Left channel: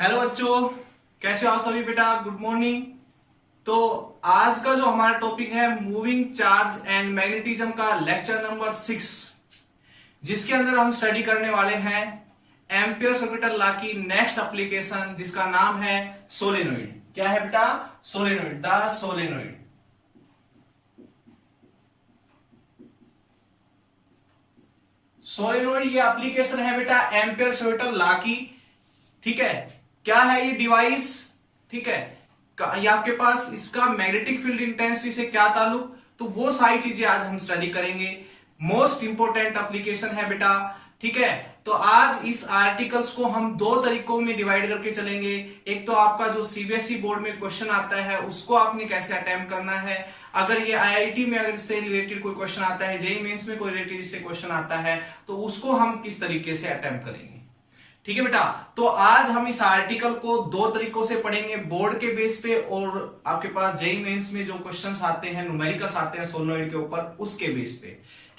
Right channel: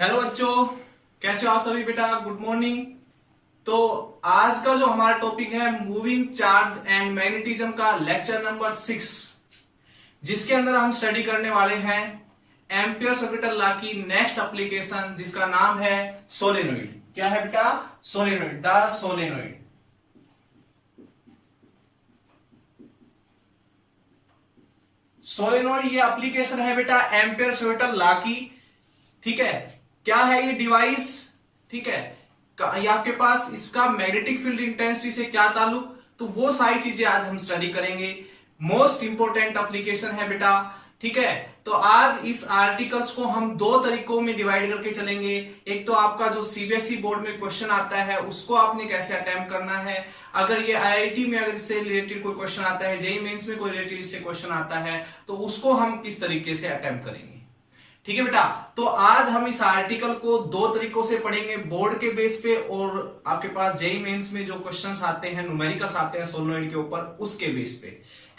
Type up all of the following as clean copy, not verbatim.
Hello बच्चों, कैसे हो आप सभी बेटा। Good morning. तो आज का जो हमारा टॉपिक है मूविंग चार्ज एंड मैग्नेटिज्म का लेक्चर नंबर 6, जिसके अंदर हम स्टडी करने वाले हैं एम्पियर्स ऑर्बिटल लॉ की नेक्स्ट एप्लीकेशन, जिसका नाम है सोलेनोइड। क्या है बेटा? Solenoid, the solenoid. सोलेनोइड ये एप्लीकेशन है बेटा एम्पियर्स ऑर्बिटल लॉ की। ठीक है, क्या है ये डिवाइस? ठीक है, ये आपके पास इसका मैग्नेटिक फील्ड इंटेंसिटी से क्या ताल्लुक, तो वो सारी चीजें आज हम स्टडी करेंगे। मोस्ट इंपोर्टेंट एप्लीकेशन है बेटा। ठीक है, तो आज इस आर्टिकल्स को हम दो तरीकों में डिवाइड करके चलेंगे। एक तो आपका जो सीबीएसई बोर्ड में क्वेश्चन आता है उसको आपने कैसे अटेम्प्ट करना है, अगर ये आईआईटी में अगर इससे रिलेटेड कोई क्वेश्चन आता है, जेईई मेंस में कोई रिलेटेड इससे क्वेश्चन आता है, तो उसको हम किस तरीके से अटेम्प्ट करेंगे। ठीक है बेटा, तो आज हम इस आर्टिकल को दो तरीकों से पढ़ेंगे, बोर्ड के बेस पे और आपके पास जेईई मेंस में जो क्वेश्चंस आते हैं, न्यूमेरिकल्स आते हैं सोलेनोइड के ऊपर, उसके बेस पे।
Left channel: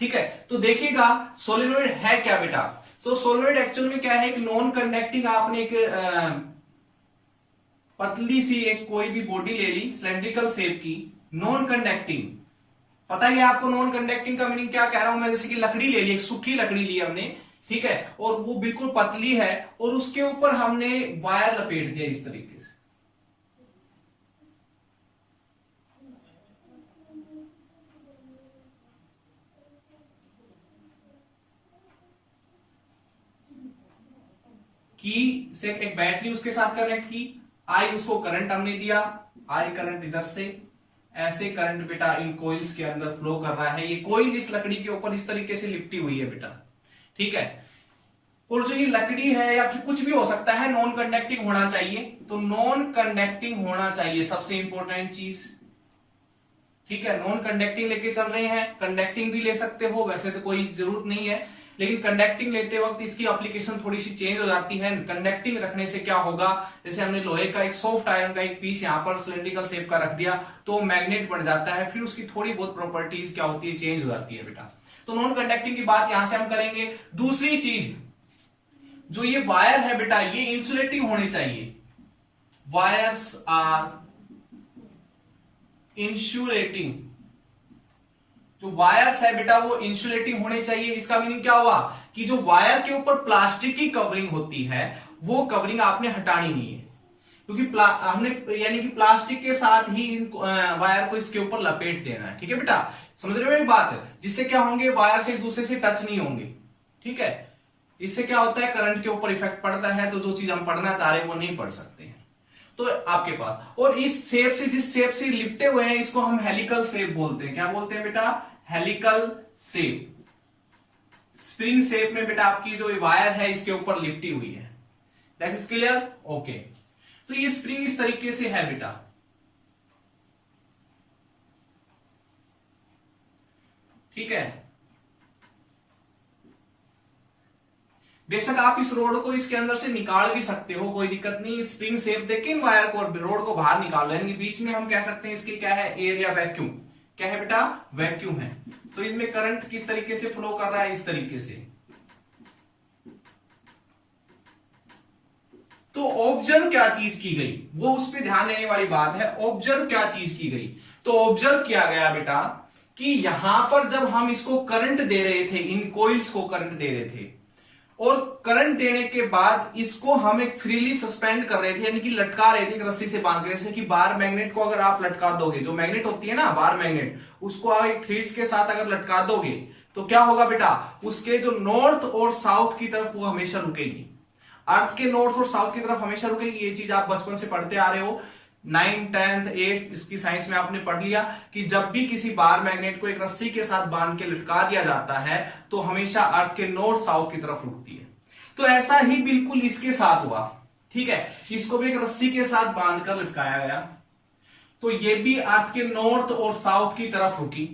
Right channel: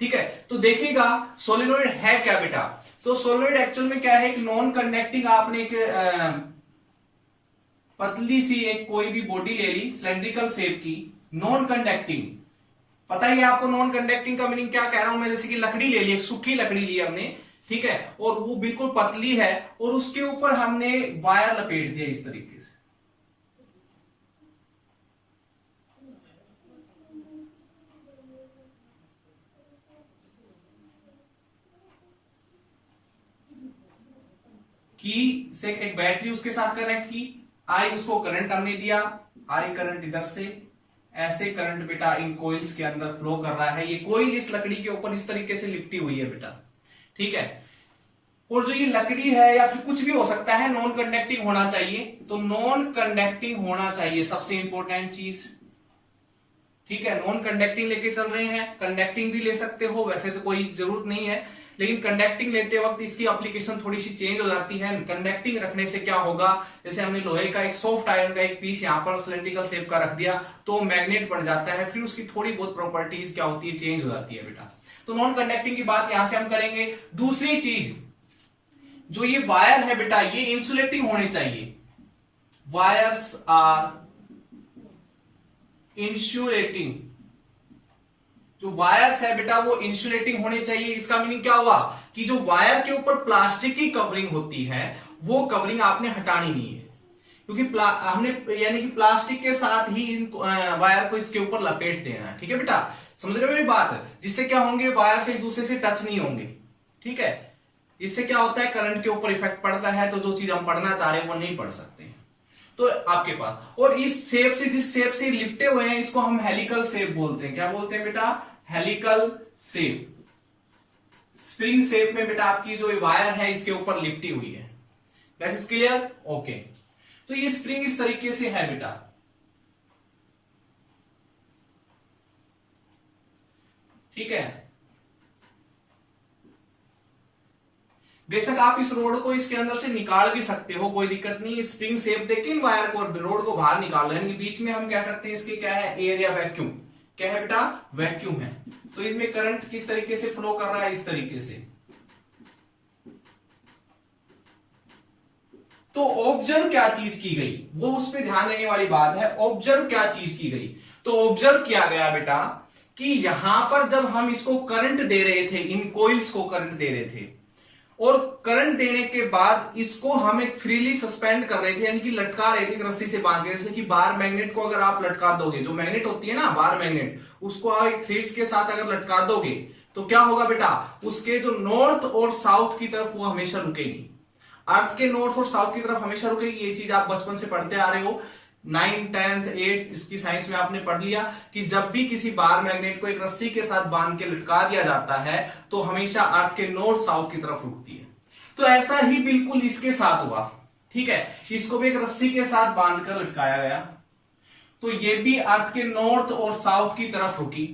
ठीक है, तो देखिएगा सोलेनोइड है क्या बेटा। तो सोलेनोइड एक्चुअल में क्या है, एक नॉन कंडक्टिंग, आपने एक पतली सी एक कोई भी बॉडी ले ली सिलेंड्रिकल शेप की, नॉन कंडक्टिंग। पता ही है आपको नॉन कंडक्टिंग का मीनिंग क्या कह रहा हूं मैं, जैसे कि लकड़ी ले ली, एक सूखी लकड़ी ली हमने, ठीक है, और वो बिल्कुल पतली है और उसके ऊपर हमने वायर लपेट दिया इस तरीके से। की से एक बैटरी उसके साथ कनेक्ट की, आई उसको करंट हमने दिया, आई करंट इधर से, ऐसे करंट बेटा इन कोइल्स के अंदर फ्लो कर रहा है। ये कोइल इस लकड़ी के ऊपर इस तरीके से लिपटी हुई है बेटा। ठीक है, और जो ये लकड़ी है या फिर कुछ भी हो सकता है, नॉन कंडक्टिंग होना चाहिए। तो नॉन कंडक्टिंग होना चाहिए, सबसे इंपॉर्टेंट चीज। ठीक है, नॉन कंडक्टिंग लेके चल रहे हैं, कंडक्टिंग भी ले सकते हो, वैसे तो कोई जरूरत नहीं है, लेकिन कंडक्टिंग लेते वक्त इसकी एप्लीकेशन थोड़ी सी चेंज हो जाती है। कंडक्टिंग रखने से क्या होगा, जैसे हमने लोहे का एक सॉफ्ट आयरन का एक पीस यहां पर सिलेंड्रिकल शेप का रख दिया तो मैग्नेट बन जाता है, फिर उसकी थोड़ी बहुत प्रॉपर्टीज क्या होती है, चेंज हो जाती है बेटा। तो नॉन कंडक्टिंग की बात यहां से हम करेंगे। दूसरी चीज, जो ये वायर है बेटा, ये इंसुलेटिंग होने चाहिए। वायर्स आर इंसुलेटिंग, जो वायर्स है बेटा वो इंसुलेटिंग होने चाहिए। इसका मीनिंग क्या हुआ कि जो वायर के ऊपर प्लास्टिक की कवरिंग होती है वो कवरिंग आपने हटानी नहीं है, क्योंकि हमने यानी कि प्लास्टिक के साथ ही वायर को इसके ऊपर लपेट देना है। ठीक है बेटा, समझ रहे हो मेरी बात? जिससे क्या होंगे, वायर से एक दूसरे से टच नहीं होंगे। ठीक है, इससे क्या होता है, करंट के ऊपर इफेक्ट पड़ता है, तो जो चीज हम पढ़ना चाह रहे हैं वो नहीं पढ़ सकते। तो आपके पास, और इस शेप से, जिस शेप से लिपटे हुए हैं, इसको हम हेलिकल शेप बोलते हैं। क्या बोलते हैं बेटा? Helical shape. स्प्रिंग शेप में बेटा आपकी जो वायर है इसके ऊपर लिपटी हुई है। That is clear? ओके, तो ये स्प्रिंग इस तरीके से है बेटा। ठीक है, बेशक आप इस रोड को इसके अंदर से निकाल भी सकते हो, कोई दिक्कत नहीं। स्प्रिंग शेप देके इन वायर को, रोड को बाहर निकाल लो, यानी बीच में हम कह सकते हैं इसके क्या है, एयर या वैक्यूम। क्या है बेटा? वैक्यूम है। तो इसमें करंट किस तरीके से फ्लो कर रहा है, इस तरीके से। तो ऑब्जर्व क्या चीज की गई, वो उस पर ध्यान देने वाली बात है। ऑब्जर्व क्या चीज की गई, तो ऑब्जर्व किया गया बेटा कि यहां पर जब हम इसको करंट दे रहे थे, इन कोइल्स को करंट दे रहे थे, और करंट देने के बाद इसको हम एक फ्रीली सस्पेंड कर रहे थे, यानी कि लटका रहे थे एक रस्सी से बांध के। जैसे कि बार मैग्नेट को अगर आप लटका दोगे, जो मैग्नेट होती है ना बार मैग्नेट, उसको आप एक थ्रेड्स के साथ अगर लटका दोगे तो क्या होगा बेटा, उसके जो नॉर्थ और साउथ की तरफ वो हमेशा रुकेगी। अर्थ के नॉर्थ और साउथ की तरफ हमेशा रुकेगी। ये चीज आप बचपन से पढ़ते आ रहे हो, 9th 10th 8th इसकी साइंस में आपने पढ़ लिया कि जब भी किसी बार मैग्नेट को एक रस्सी के साथ बांध के लटका दिया जाता है तो हमेशा अर्थ के नॉर्थ साउथ की तरफ रुकती है। तो ऐसा ही बिल्कुल इसके साथ हुआ। ठीक है, इसको भी एक रस्सी के साथ बांधकर लटकाया गया, तो ये भी अर्थ के नॉर्थ और साउथ की तरफ रुकी।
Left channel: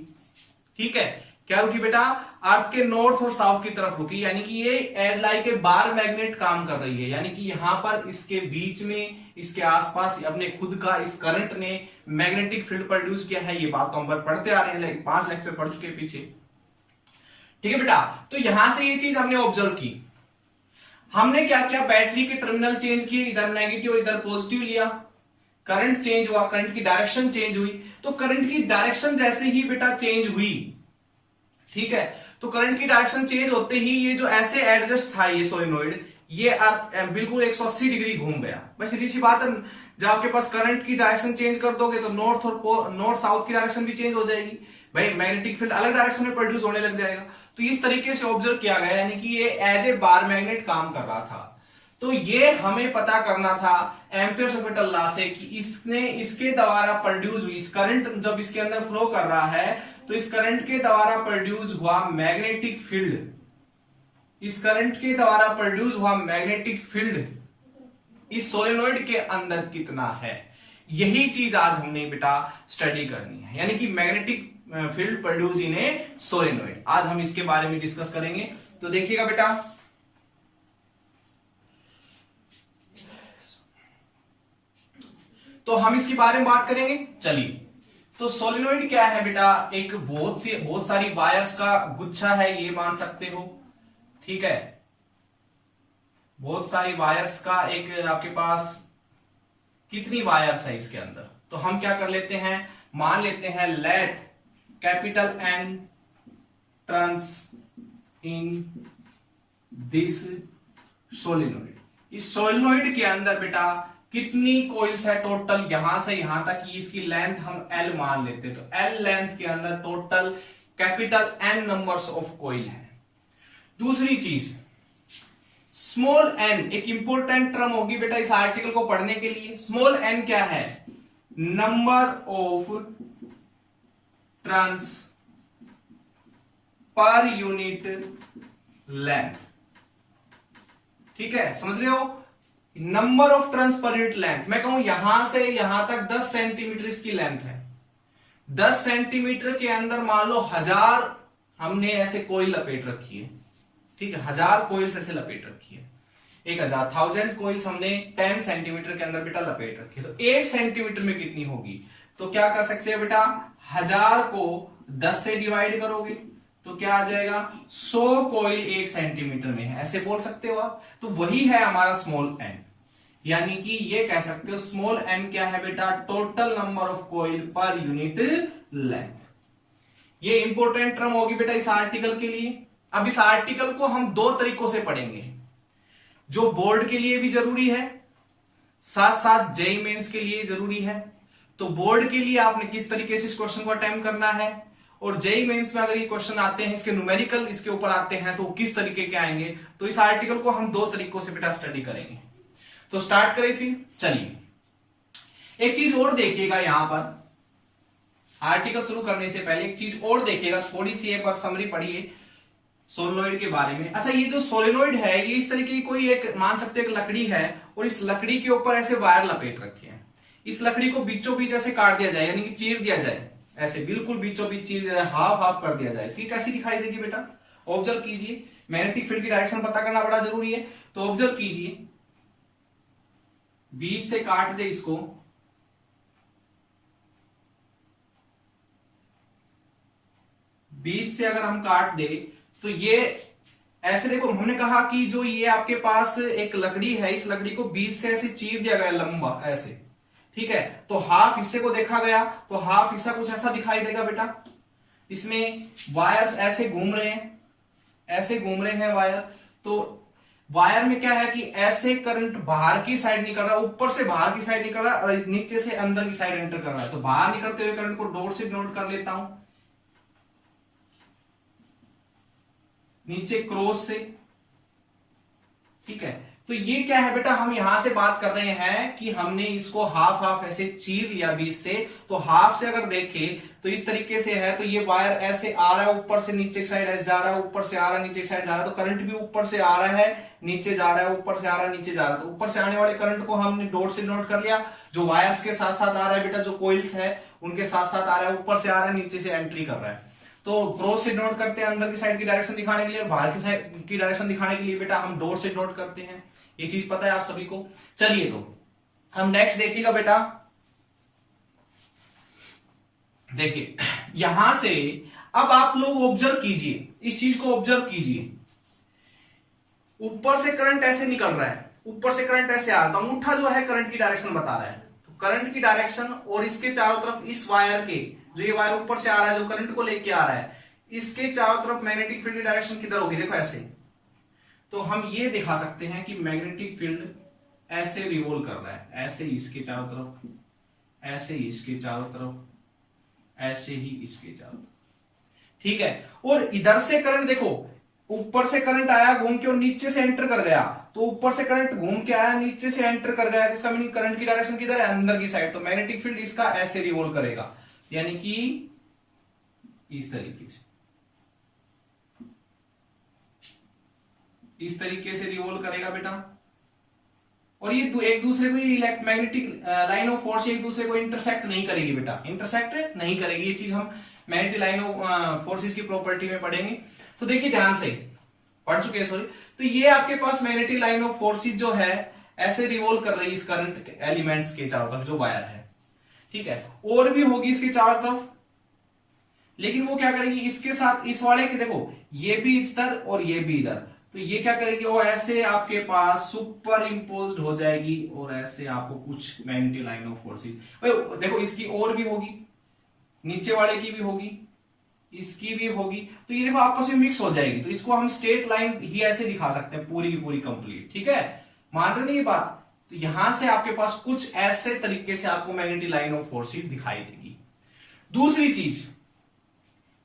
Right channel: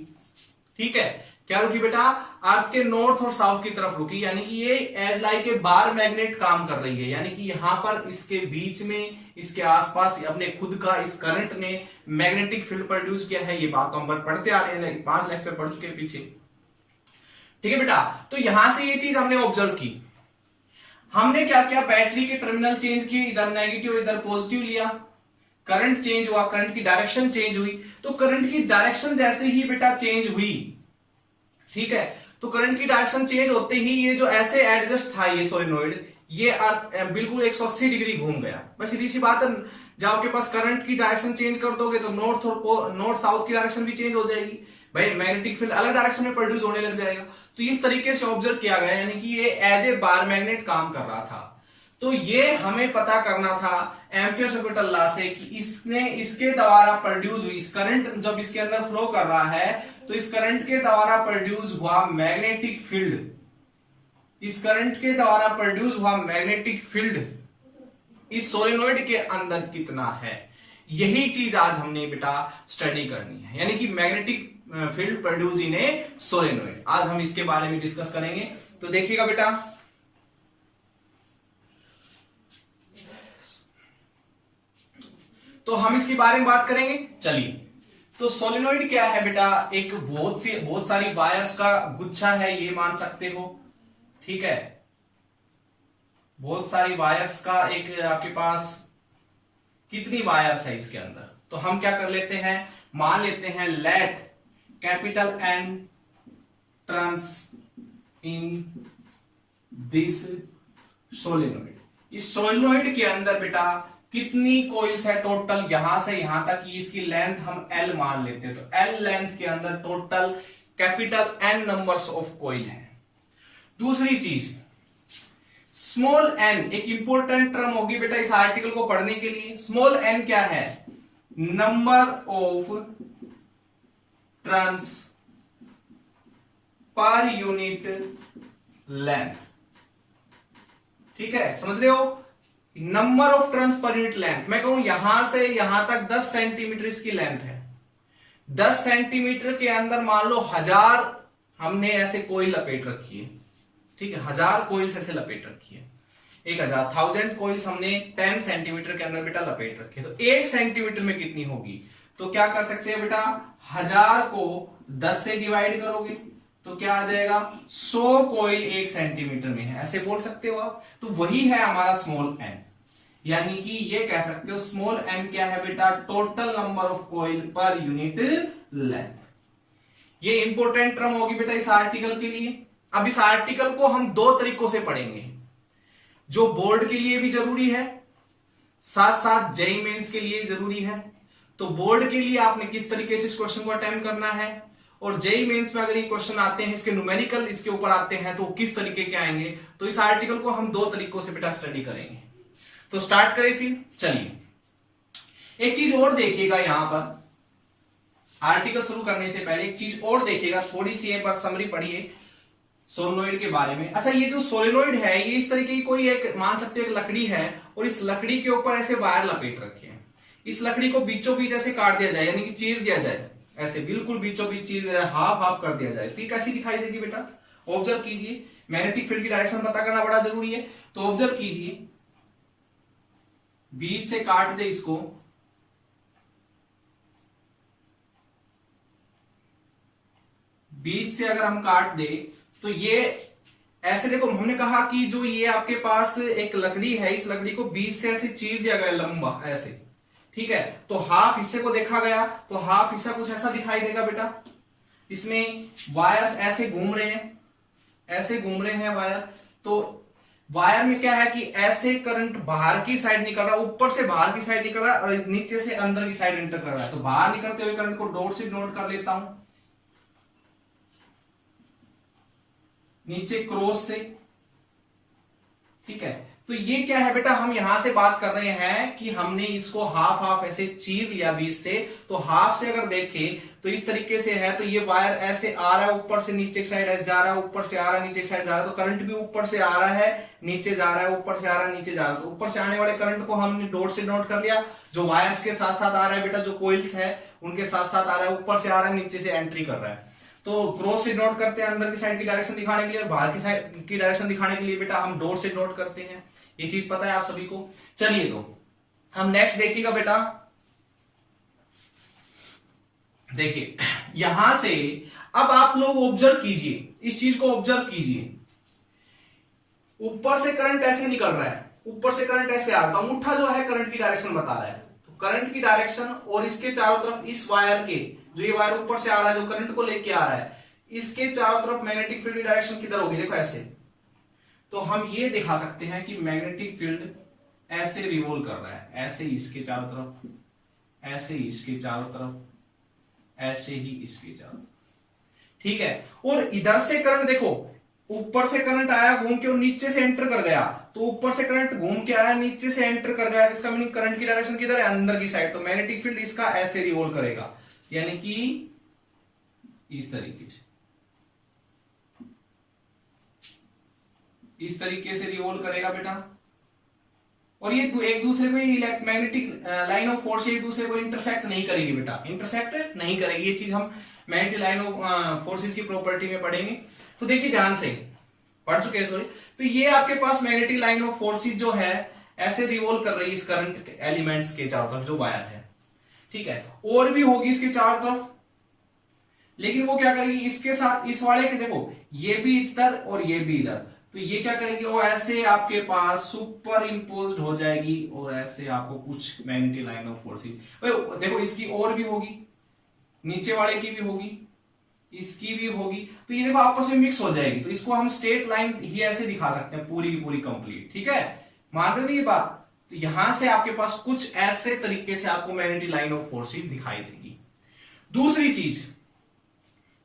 ठीक है, क्या रुकी बेटा? अर्थ के नॉर्थ और साउथ की तरफ रुकी, यानी कि ये as like a bar magnet काम कर रही है। यानी कि यहां पर इसके बीच में, इसके आसपास अपने खुद का इस करंट ने मैग्नेटिक फील्ड प्रोड्यूस किया है। ये बात तो हम पढ़ते आ रहे हैं, 5 लेक्चर पढ़ चुके पीछे। ठीक है बेटा, तो यहां से ये चीज हमने ऑब्जर्व की। हमने क्या किया, बैटरी के टर्मिनल चेंज किए, इधर नेगेटिव और इधर पॉजिटिव लिया, करंट चेंज हुआ, करंट की डायरेक्शन चेंज हुई। तो करंट की डायरेक्शन जैसे ही बेटा चेंज हुई, ठीक है, तो करंट की डायरेक्शन चेंज होते ही ये जो ऐसे एडजस्ट था ये सोलेनोइड, ये बिल्कुल 180 डिग्री घूम गया। बस सीधी सी बात है, जब आपके पास करंट की डायरेक्शन चेंज कर दोगे तो नॉर्थ साउथ की डायरेक्शन भी चेंज हो जाएगी भाई, मैग्नेटिक फील्ड अलग डायरेक्शन में प्रोड्यूस होने लग जाएगा। तो इस तरीके से ऑब्जर्व किया गया, यानी कि ये एज ए बार मैग्नेट काम कर रहा था। तो ये हमें पता करना था एम्पियर सर्किटल लॉ से कि इसके द्वारा प्रोड्यूस हुई इस करंट, जब इसके अंदर फ्लो कर रहा है तो इस करंट के द्वारा प्रोड्यूस हुआ मैग्नेटिक फील्ड, इस करंट के द्वारा प्रोड्यूस हुआ मैग्नेटिक फील्ड इस सोलेनोइड के अंदर कितना है, यही चीज आज हमने बेटा स्टडी करनी है, यानी कि magnetic field produce in A solenoid. आज हम इसके बारे में डिस्कस करेंगे। तो देखिएगा बेटा, तो हम इसके बारे में बात करेंगे। चलिए, तो सोलेनोइड क्या है बेटा, एक बहुत सारी वायर्स का गुच्छा है, ये मान सकते हो, ठीक है, बहुत सारी वायर्स का एक आपके पास कितनी वायर्स है इसके अंदर, तो हम क्या कर लेते हैं, मान लेते हैं let capital N turns in this solenoid. इस सोलेनोइड के अंदर बेटा कितनी कॉइल्स है टोटल, यहां से यहां तक, इसकी लेंथ हम L मान लेते हैं, तो L लेंथ के अंदर total capital N numbers of coil है। दूसरी चीज स्मॉल n, एक इंपॉर्टेंट टर्म होगी बेटा इस आर्टिकल को पढ़ने के लिए। स्मॉल n क्या है, number of turns per unit length, ठीक है, समझ रहे हो, number of turns per unit length. मैं कहूं यहां से यहां तक 10 सेंटीमीटर इसकी लेंथ है, 10 सेंटीमीटर के अंदर मान लो 1000 हमने ऐसे कोई लपेट रखी है, ठीक है, 1000 कोइल्स ऐसे लपेट रखी है, 1000 कोइल्स हमने 10 सेंटीमीटर के अंदर बेटा लपेट रखी है। तो 1 सेंटीमीटर में कितनी होगी, तो क्या कर सकते हैं बेटा, 1000 को 10 से डिवाइड करोगे तो क्या आ जाएगा, 100 कोइल 1 सेंटीमीटर में है, ऐसे बोल सकते हो आप। तो वही है हमारा स्मॉल n, यानी कि ये कह सकते हो स्मॉल n क्या है बेटा, total number of coil per unit length. ये इंपॉर्टेंट टर्म होगी बेटा इस आर्टिकल के लिए। अब इस आर्टिकल को हम दो तरीकों से पढ़ेंगे, जो बोर्ड के लिए भी जरूरी है, साथ साथ जेईई मेंस के लिए जरूरी है। तो बोर्ड के लिए आपने किस तरीके से इस क्वेश्चन को अटेम्प्ट करना है, और जेईई मेंस में अगर ये क्वेश्चन आते हैं, इसके न्यूमेरिकल इसके ऊपर आते हैं, तो किस तरीके के आएंगे। तो इस आर्टिकल को हम दो तरीकों से बेटा स्टडी करेंगे। तो स्टार्ट करें फिर। चलिए, एक चीज और देखिएगा, यहां पर आर्टिकल शुरू करने से पहले एक चीज और देखिएगा, थोड़ी सी एक बार समरी पढ़िए सोलेनोइड के बारे में। अच्छा, ये जो सोलेनोइड है ये इस तरीके की कोई एक मान सकते हैं लकड़ी है, और इस लकड़ी के ऊपर ऐसे वायर लपेट रखे हैं। इस लकड़ी को बीचों बीच ऐसे काट दिया जाए, यानी कि चीर दिया जाए, ऐसे बिल्कुल बीचों बीच चीर दिया जाए, हाफ हाफ कर दिया जाए, तो ये कैसी दिखाई देगी बेटा, ऑब्जर्व कीजिए। मैग्नेटिक फील्ड की डायरेक्शन पता करना बड़ा जरूरी है, तो ऑब्जर्व कीजिए, बीच से काट दे इसको, बीच से अगर हम काट दे तो ये ऐसे, देखो हमने कहा कि जो ये आपके पास एक लकड़ी है, इस लकड़ी को बीच से ऐसे चीर दिया गया लंबा ऐसे, ठीक है, तो हाफ हिस्से को देखा गया, तो हाफ हिस्सा कुछ ऐसा दिखाई देगा बेटा। इसमें वायर्स ऐसे घूम रहे हैं, ऐसे घूम रहे हैं वायर। तो वायर में क्या है कि ऐसे करंट बाहर की साइड निकल रहा है, ऊपर से बाहर की साइड निकल रहा है, और नीचे से अंदर की साइड एंटर कर रहा है। तो बाहर निकलते हुए करंट को डॉट से नोट कर लेता हूं, नीचे क्रॉस से, ठीक है। तो ये क्या है बेटा, हम यहां से बात कर रहे हैं कि हमने इसको हाफ हाफ ऐसे चीर लिया बीच से। तो हाफ से अगर देखें तो इस तरीके से है, तो ये वायर ऐसे आ रहा है, ऊपर से नीचे की साइड ऐसे जा रहा है, ऊपर से आ रहा है, नीचे की साइड जा रहा है। तो करंट भी ऊपर से आ रहा है, नीचे जा रहा है, ऊपर से आ रहा है, नीचे जा रहा है। तो ऊपर से आने वाले करंट को हमने डॉट से नोट कर लिया, जो वायर्स के साथ साथ आ रहा है बेटा, जो कोइल्स है उनके साथ साथ आ रहा है, ऊपर से आ रहा है, नीचे से एंट्री कर रहा है। तो क्रॉस से नोट करते हैं अंदर की साइड की डायरेक्शन दिखाने के लिए, बाहर की साइड की डायरेक्शन दिखाने के लिए बेटा हम डॉट से नोट करते हैं। ये चीज पता है आप सभी को। चलिए, तो हम नेक्स्ट देखिएगा बेटा, देखिए यहां से अब आप लोग ऑब्जर्व कीजिए, इस चीज को ऑब्जर्व कीजिए। ऊपर से करंट ऐसे निकल रहा है, ऊपर से करंट ऐसे आ रहा है, तो अंगूठा जो है करंट की डायरेक्शन बता रहा है। तो करंट की डायरेक्शन और इसके चारों तरफ इस वायर के, जो ये वायर ऊपर से आ रहा है जो करंट को लेके आ रहा है, इसके चारों तरफ मैग्नेटिक फील्ड की डायरेक्शन किधर होगी, देखो ऐसे। तो हम ये दिखा सकते हैं कि मैग्नेटिक फील्ड ऐसे रिवॉल्व कर रहा है, ऐसे ही इसके चारों तरफ, ऐसे ही इसके चारों तरफ, ऐसे ही इसके चारों तरफ, ठीक है। और इधर से करंट देखो, ऊपर से करंट आया घूम के और नीचे से एंटर कर गया, तो ऊपर से करंट घूम के आया नीचे से एंटर कर गया, इसका मीनिंग करंट की डायरेक्शन किधर है, अंदर की साइड। तो मैग्नेटिक फील्ड इसका ऐसे रिवॉल्व करेगा, यानी कि इस तरीके से, इस तरीके से रिवॉल्व करेगा बेटा। और ये एक दूसरे को मैग्नेटिक लाइन ऑफ फोर्स एक दूसरे को इंटरसेक्ट नहीं करेगी बेटा, इंटरसेक्ट नहीं करेगी। ये चीज हम मैग्नेटिक लाइन ऑफ फोर्सेस की प्रॉपर्टी में पढ़ेंगे। तो देखिए ध्यान से, पढ़ चुके हैं सॉरी। तो ये आपके पास मैग्नेटिक लाइन ऑफ फोर्सेस जो है ऐसे रिवॉल्व कर रही है इस करंट एलिमेंट्स के चारों तरफ जो वायर है, ठीक है। और भी होगी इसके चारों तरफ, लेकिन वो क्या करेगी इसके साथ, इस वाले के देखो ये भी इधर और ये भी इधर, तो ये क्या करेगी, वो ऐसे आपके पास सुपर इंपोज्ड हो जाएगी और ऐसे आपको कुछ मैग्नेटिक लाइन ऑफ फोर्सेस देखो, इसकी और भी होगी, नीचे वाले की भी होगी, इसकी भी होगी, तो ये देखो आपस में मिक्स हो जाएगी। तो इसको हम स्ट्रेट लाइन ही ऐसे दिखा सकते हैं पूरी की पूरी कंप्लीट, ठीक है। मान रहे नहीं ये बात। तो यहां से आपके पास कुछ ऐसे तरीके से आपको मैग्नेटिक लाइन ऑफ फोर्सेस दिखाई देगी। दूसरी चीज,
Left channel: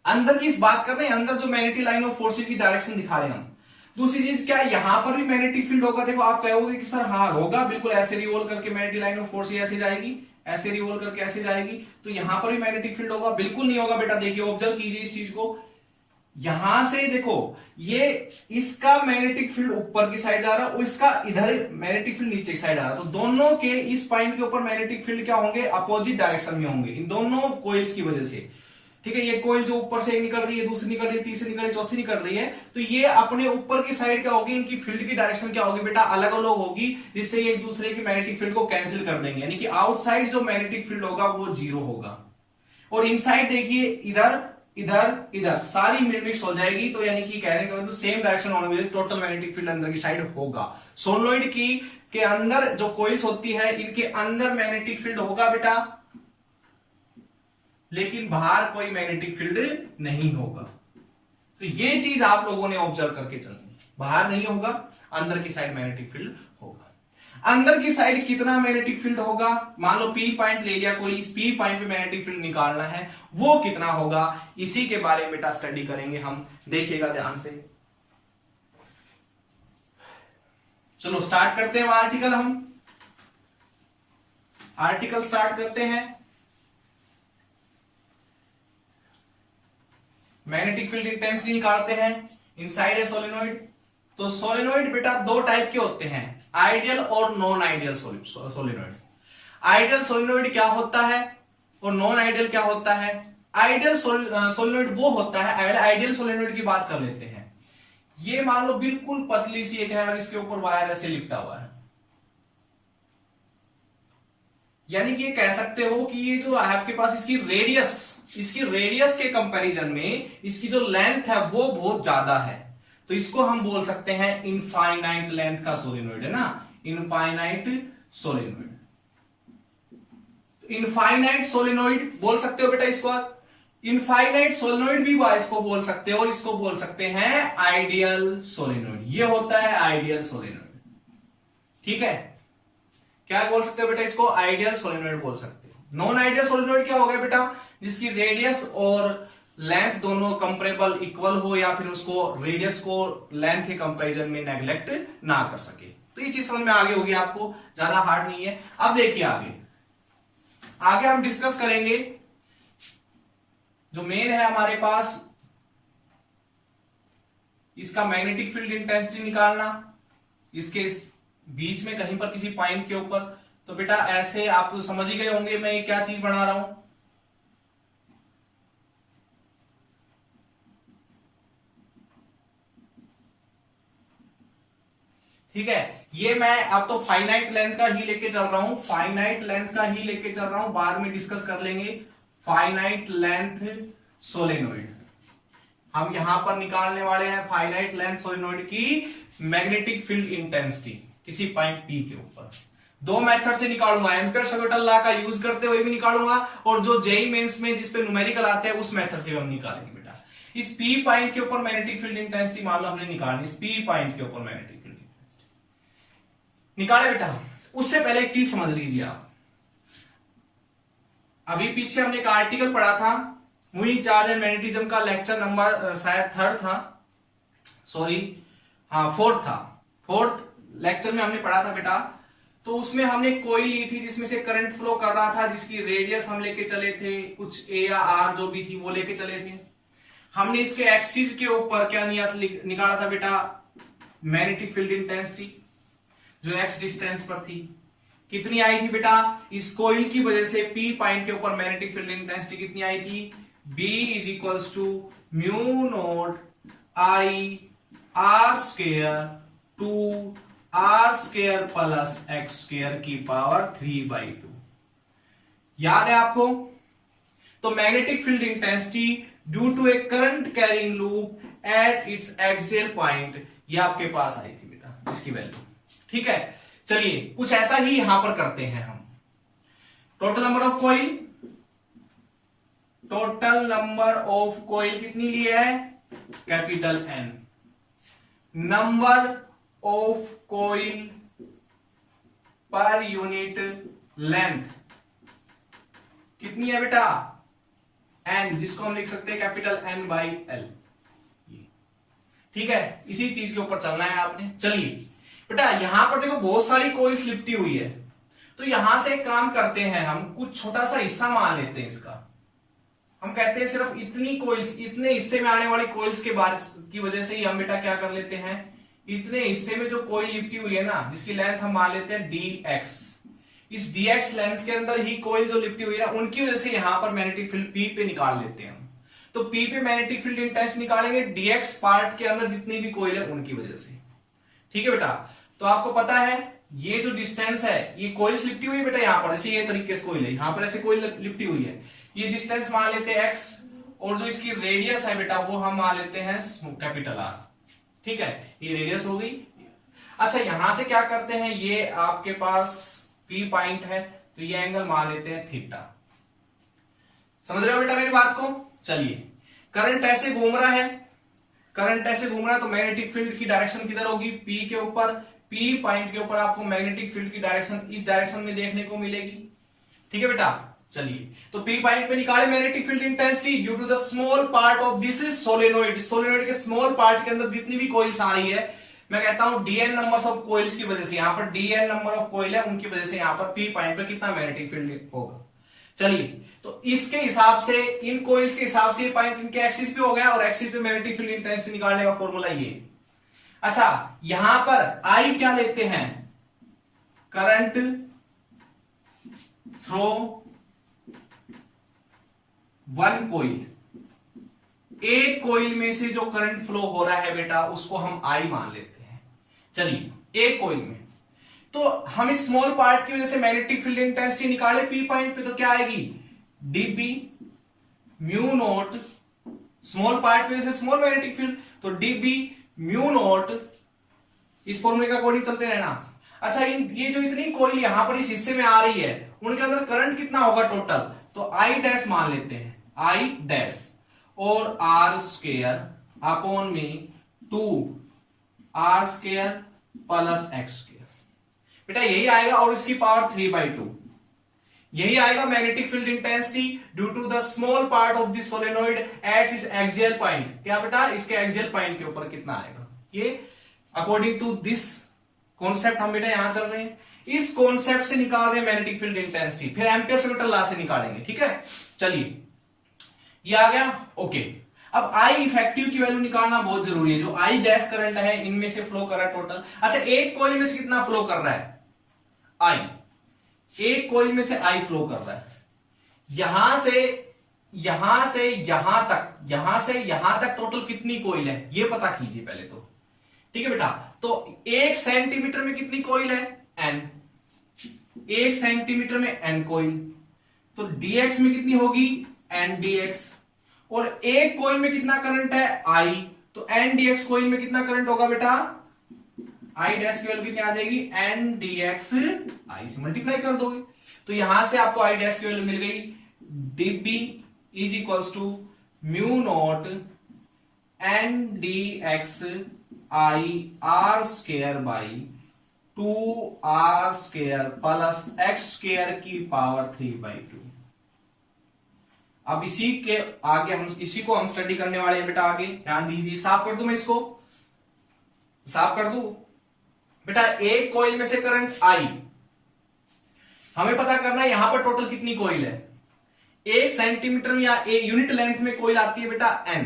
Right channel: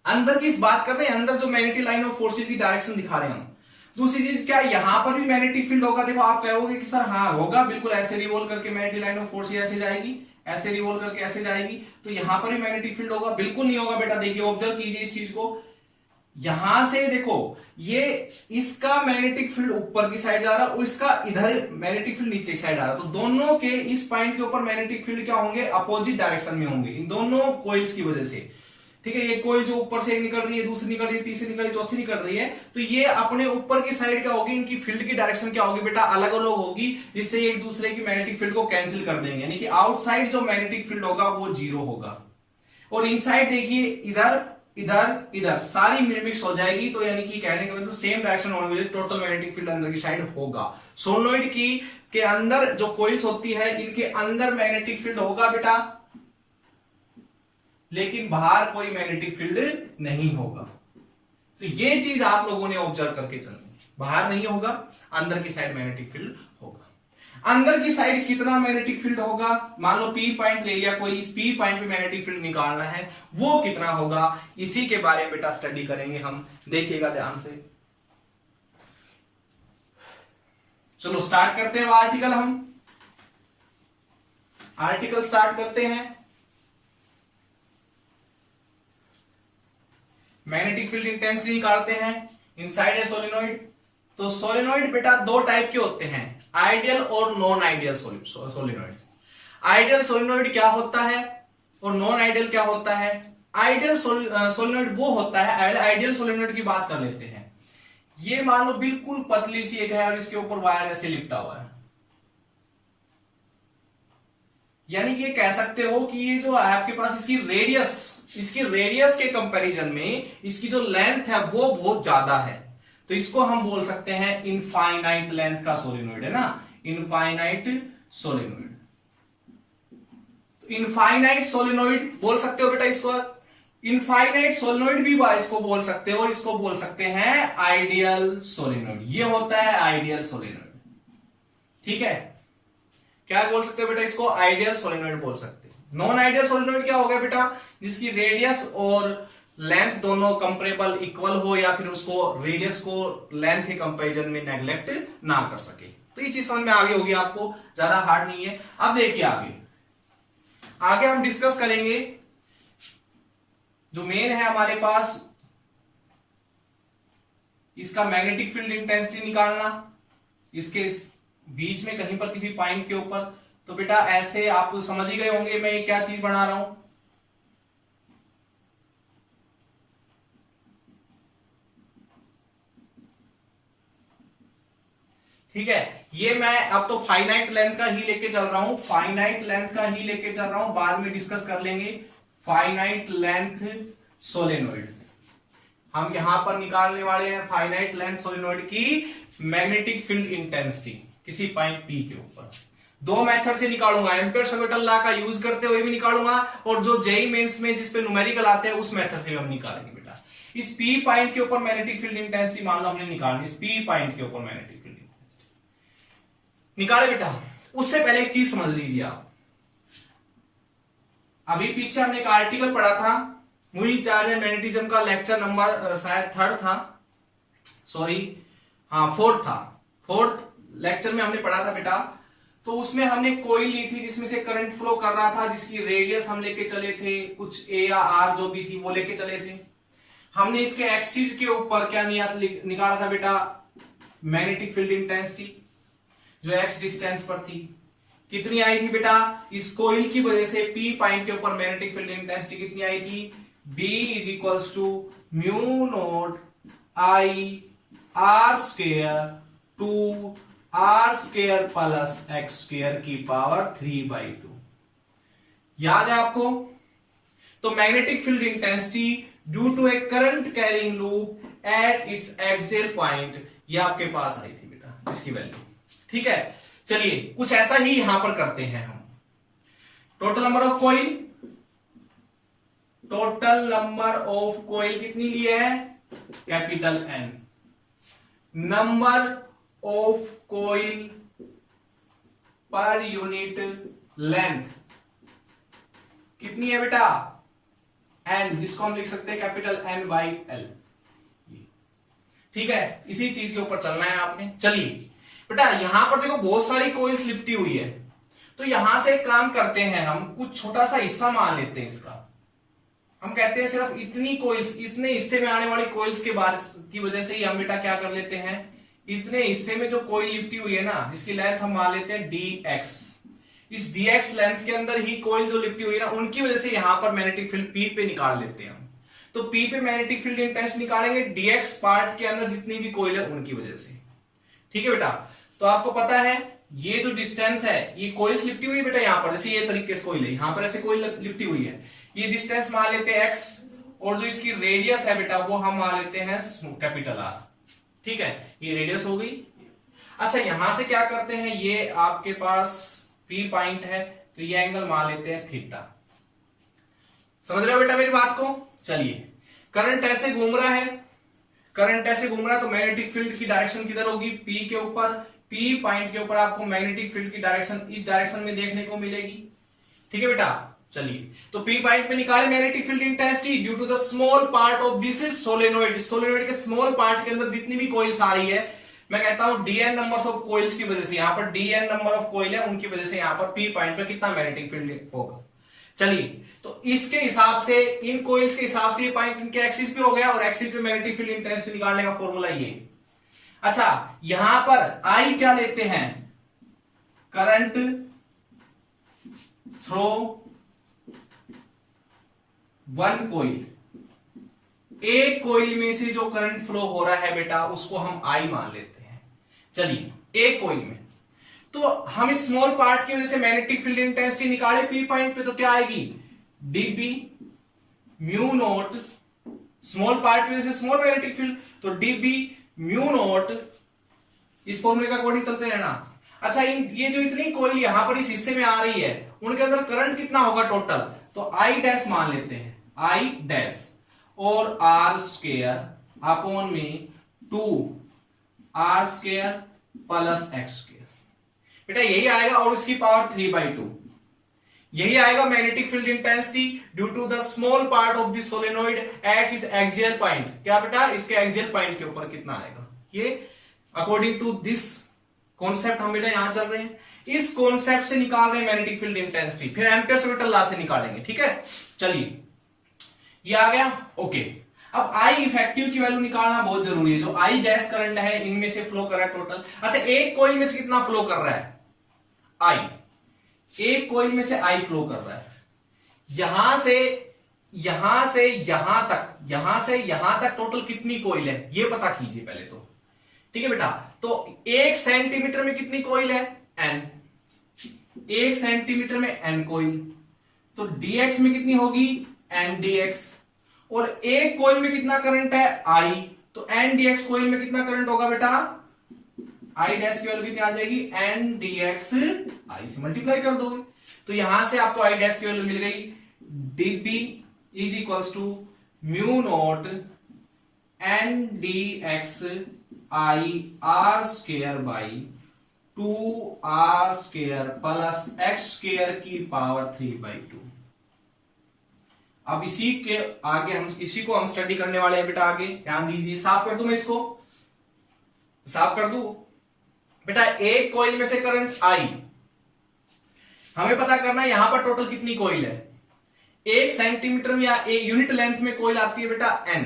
अंदर की बात कर रहे हैं, अंदर जो मैग्नेटिक लाइन ऑफ फोर्सेस की डायरेक्शन दिखा रहे हैं हम। दूसरी चीज क्या, यहां पर भी मैग्नेटिक फील्ड होगा। देखो आप कहोगे कि सर हाँ होगा, बिल्कुल ऐसे रिवॉल्व करके मैग्नेटिक लाइन ऑफ फोर्स ऐसे जाएगी, ऐसे रिवॉल्व करके ऐसे जाएगी, तो यहां पर भी मैग्नेटिक फील्ड होगा, बिल्कुल नहीं होगा बेटा। देखिए ऑब्जर्व कीजिए इस चीज को, यहां से देखो ये इसका मैग्नेटिक फील्ड ऊपर की साइड जा रहा है और इसका इधर मैग्नेटिक फील्ड नीचे की साइड आ रहा है। तो दोनों के इस पॉइंट के ऊपर मैग्नेटिक फील्ड क्या होंगे, अपोजिट डायरेक्शन में होंगे, इन दोनों कोइल्स की वजह से, ठीक है। ये कोइल जो ऊपर से निकल रही है, दूसरी निकल रही है, तीसरी निकल रही है, चौथी निकल रही है, तो ये अपने ऊपर की साइड क्या होगी, इनकी फील्ड की डायरेक्शन क्या होगी बेटा, अलग अलग होगी, जिससे ये एक दूसरे की मैग्नेटिक फील्ड को कैंसिल कर देंगे, यानी कि आउटसाइड जो मैग्नेटिक फील्ड होगा वो 0 होगा। और इनसाइड देखिए इधर इधर इधर सारी मिक्स हो जाएगी, तो यानी कि कहने का मतलब सेम डायरेक्शन होने की वजह से टोटल मैग्नेटिक फील्ड अंदर की साइड होगा। सोलेनोइड की के अंदर जो कोइल्स होती है इनके अंदर मैग्नेटिक फील्ड होगा बेटा, लेकिन बाहर कोई मैग्नेटिक फील्ड नहीं होगा। तो ये चीज आप लोगों ने ऑब्जर्व करके चलनी, बाहर नहीं होगा, अंदर की साइड मैग्नेटिक फील्ड होगा। अंदर की साइड कितना मैग्नेटिक फील्ड होगा, मान लो पी पॉइंट ले लिया कोई, इस पी पॉइंट पे मैग्नेटिक फील्ड निकालना है, वो कितना होगा, इसी के बारे में बेटा स्टडी करेंगे हम, देखिएगा ध्यान से। चलो स्टार्ट करते हैं आर्टिकल, हम आर्टिकल स्टार्ट करते हैं। मैग्नेटिक फील्ड इंटेंसिटी निकालते हैं इनसाइड ए सोलेनोइड। तो सोलेनोइड बेटा दो टाइप के होते हैं, आइडियल और non ideal solenoid. Ideal solenoid क्या होता है और नॉन आइडियल क्या होता है। आइडियल सोलेनोइड वो होता है, आइडियल सोलेनोइड की बात कर लेते हैं। ये मान लो बिल्कुल पतली सी एक है और इसके ऊपर वायर ऐसे लिपटा हुआ है, यानी कि ये कह सकते हो कि ये जो है आपके पास इसकी रेडियस के कंपैरिजन में इसकी जो लेंथ है वो बहुत ज्यादा है, तो इसको हम बोल सकते हैं इनफाइनाइट लेंथ का सोलेनोइड, है ना, इनफाइनाइट सोलेनोइड। इनफाइनाइट सोलेनोइड बोल सकते हो बेटा इसको, इनफाइनाइट सोलेनोइड भी इसको बोल सकते हो, और इसको बोल सकते हैं आइडियल सोलेनोइड। ये होता है आइडियल सोलेनोइड, ठीक है। क्या बोल सकते हो बेटा इसको, आइडियल सोलेनोइड बोल सकते हो। नॉन आइडियल सोलेनोइड क्या होगा बेटा, जिसकी रेडियस और लेंथ दोनों कंपेरेबल इक्वल हो, या फिर उसको रेडियस को लेंथ के कंपैरिजन में नेग्लेक्ट ना कर सके। तो ये चीज समझ में आगे होगी आपको, ज्यादा हार्ड नहीं है। अब देखिए आगे हम डिस्कस करेंगे जो मेन है हमारे पास, इसका मैग्नेटिक फील्ड इंटेंसिटी निकालना, इसके बीच में कहीं पर किसी पॉइंट के ऊपर। तो बेटा ऐसे आप तो समझ ही गए होंगे मैं क्या चीज बना रहा हूं, ठीक है। ये मैं अब तो फाइनाइट लेंथ का ही लेके चल रहा हूं, फाइनाइट लेंथ का ही लेके चल रहा हूं, बाद में डिस्कस कर लेंगे फाइनाइट लेंथ सोलेनोइड। हम यहां पर निकालने वाले हैं फाइनाइट लेंथ सोलेनोइड की मैग्नेटिक फील्ड इंटेंसिटी किसी पॉइंट पी के ऊपर। दो मेथड से निकालूंगा, एम्पियर-सवेटल लॉ का यूज करते हुए भी निकालूंगा और जो जेईई मेंस में जिस पे न्यूमेरिकल आते हैं उस मेथड से हम निकालेंगे बेटा। इस पी पॉइंट के ऊपर मैग्नेटिक फील्ड इंटेंसिटी मान लो हमने निकाली, इस पी पॉइंट के ऊपर मैग्नेटिक फील्ड इंटेंसिटी निकाले बेटा। उससे पहले एक चीज समझ लीजिए आप, अभी पीछे हमने एक आर्टिकल पढ़ा था मूविंग चार्ज एंड मैग्नेटिज्म का, लेक्चर नंबर शायद 3rd था, सॉरी हाँ 4th था। 4th लेक्चर में हमने पढ़ा था बेटा। तो उसमें हमने कोई ली थी जिसमें से करंट फ्लो कर रहा था, जिसकी रेडियस हम लेके चले थे, कुछ ए या आर जो भी थी वो लेके चले थे। हमने इसके एक्सिस के ऊपर क्या निकाला था बेटा, मैग्नेटिक फील्ड इंटेंसिटी जो एक्स डिस्टेंस पर थी। कितनी आई थी बेटा, इस कोइल की वजह से पी पॉइंट के ऊपर मैग्नेटिक फील्ड इंटेंसिटी कितनी आई थी, B is equals to mu naught I R square two R square plus x square की पावर 3/2। याद है आपको? तो magnetic field intensity due to a current carrying loop at its axial point, ये आपके पास आई थी बेटा इसकी वैल्यू। ठीक है, चलिए कुछ ऐसा ही यहां पर करते हैं हम। Total number of coil, total number of coil कितनी ली है, capital N। Number of coil पर यूनिट लेंथ कितनी है बेटा, N, जिसको हम लिख सकते हैं कैपिटल N/L। ठीक है, इसी चीज के ऊपर चलना है आपने। चलिए बेटा यहां पर देखो बहुत सारी कॉइल्स लिपटी हुई है, तो यहां से एक काम करते हैं, हम कुछ छोटा सा हिस्सा मान लेते हैं इसका। हम कहते हैं सिर्फ इतनी कोइल्स, इतने हिस्से में आने वाली कोइल्स के बारे की वजह से ही हम बेटा क्या कर लेते हैं, इतने हिस्से में जो कोइल लिपटी हुई है ना, जिसकी लेंथ हम मान लेते हैं dx, इस dx लेंथ के अंदर ही कोइल जो लिपटी हुई है ना, उनकी वजह से यहां पर मैग्नेटिक फील्ड P पे निकाल लेते हैं हम। तो P पे मैग्नेटिक फील्ड इंटेंस निकालेंगे dx पार्ट के अंदर जितनी भी कोइल है उनकी वजह से। ठीक है बेटा, तो आपको पता है ये जो डिस्टेंस है, ये कोइल्स लिपटी हुई है बेटा यहां पर, जैसे ये तरीके से कोइल है, यहां पर ऐसे कोइल लिपटी हुई है, ये डिस्टेंस मान लेते हैं x, और जो इसकी रेडियस है बेटा वो हम मान लेते हैं कैपिटल R। ठीक है, ये रेडियस हो गई। अच्छा यहां से क्या करते हैं, ये आपके पास P पॉइंट है, तो ये एंगल मान लेते हैं थीटा। समझ रहे हो बेटा मेरी बात को? चलिए, करंट ऐसे घूम रहा है, करंट ऐसे घूम रहा है, तो मैग्नेटिक फील्ड की डायरेक्शन किधर होगी, P के ऊपर। P पॉइंट के ऊपर आपको मैग्नेटिक फील्ड की डायरेक्शन इस डायरेक्शन में देखने को मिलेगी। ठीक है बेटा, चलिए तो P पॉइंट पे निकाले magnetic field intensity due to the small part of this is solenoid. Solenoid के स्मॉल पार्ट के अंदर जितनी भी कोइल्स आ रही है, मैं कहता हूं dn नंबर्स ऑफ कोइल्स की वजह से, यहां पर dn नंबर ऑफ कोइल है, उनकी वजह से यहां पर P पॉइंट पर कितना मैग्नेटिक फील्ड होगा। चलिए तो इसके हिसाब से, इन कोइल्स के हिसाब से पॉइंट इनके एक्सिस पे हो गया, और एक्सिस पे मैग्नेटिक फील्ड इंटेंसिटी निकालने का फॉर्मूला ये। अच्छा यहां पर I क्या लेते हैं, करंट थ्रो वन कोइल, एक कोइल में से जो करंट फ्लो हो रहा है बेटा उसको हम I मान लेते हैं। चलिए एक कोइल में, तो हम इस स्मॉल पार्ट की वजह से मैग्नेटिक फील्ड इंटेंसिटी निकाले P पॉइंट पे, तो क्या आएगी, dB mu naught, small part की वजह से स्मॉल मैग्नेटिक फील्ड, तो dB म्यू नोट, इस फॉर्मूले के अकॉर्डिंग चलते रहना। अच्छा ये जो इतनी कोइल यहां पर इस हिस्से में आ रही है, उनके अंदर करंट कितना होगा टोटल, तो I डैश मान लेते हैं, I डैश और R स्क्वायर अपॉन में 2R square plus x square. बेटा यही आएगा, और इसकी पावर 3/2, यही आएगा magnetic field intensity due to the small part of this solenoid at its axial point. क्या बेटा, इसके एक्सियल पॉइंट के ऊपर कितना आएगा, ये अकॉर्डिंग टू दिस कॉन्सेप्ट हम बेटा यहां चल रहे हैं, इस कॉन्सेप्ट से निकाल रहे हैं मैग्नेटिक फील्ड इंटेंसिटी, फिर एम्पियर-सवेटल लॉ से निकालेंगे। ठीक है, चलिए ये आ गया, ओके। अब I इफेक्टिव की वैल्यू निकालना बहुत जरूरी है, जो I डैश करंट है इनमें से फ्लो कर रहा है टोटल। अच्छा एक कोइल में से कितना फ्लो कर रहा है, I, एक कोइल में से I फ्लो कर रहा है, यहां से यहां तक, यहां से यहां तक टोटल कितनी कोइल है ये पता कीजिए पहले तो। ठीक है बेटा, तो 1 सेंटीमीटर में कितनी कोइल है, N, 1 सेंटीमीटर में N कोइल, तो dx में कितनी होगी, N dx, और एक कोइल में कितना करंट है I, तो एन डी एक्स कोइल में कितना करंट होगा बेटा, आई डैश की वैल्यू कितनी आ जाएगी, एन डी एक्स आई से मल्टीप्लाई कर दोगे, तो यहां से आपको आई डैश की वैल्यू मिल गई, dB is equals to mu naught N d x I R square by 2r square plus x square की पावर 3/2। अब इसी के आगे हम इसी को हम स्टडी करने वाले हैं बेटा, आगे ध्यान दीजिए। साफ कर दूं मैं इसको, साफ कर दूं बेटा। एक कोइल में से करंट आई, हमें पता करना है यहां पर टोटल कितनी कोइल है। 1 सेंटीमीटर या यूनिट लेंथ में कोइल आती है बेटा n,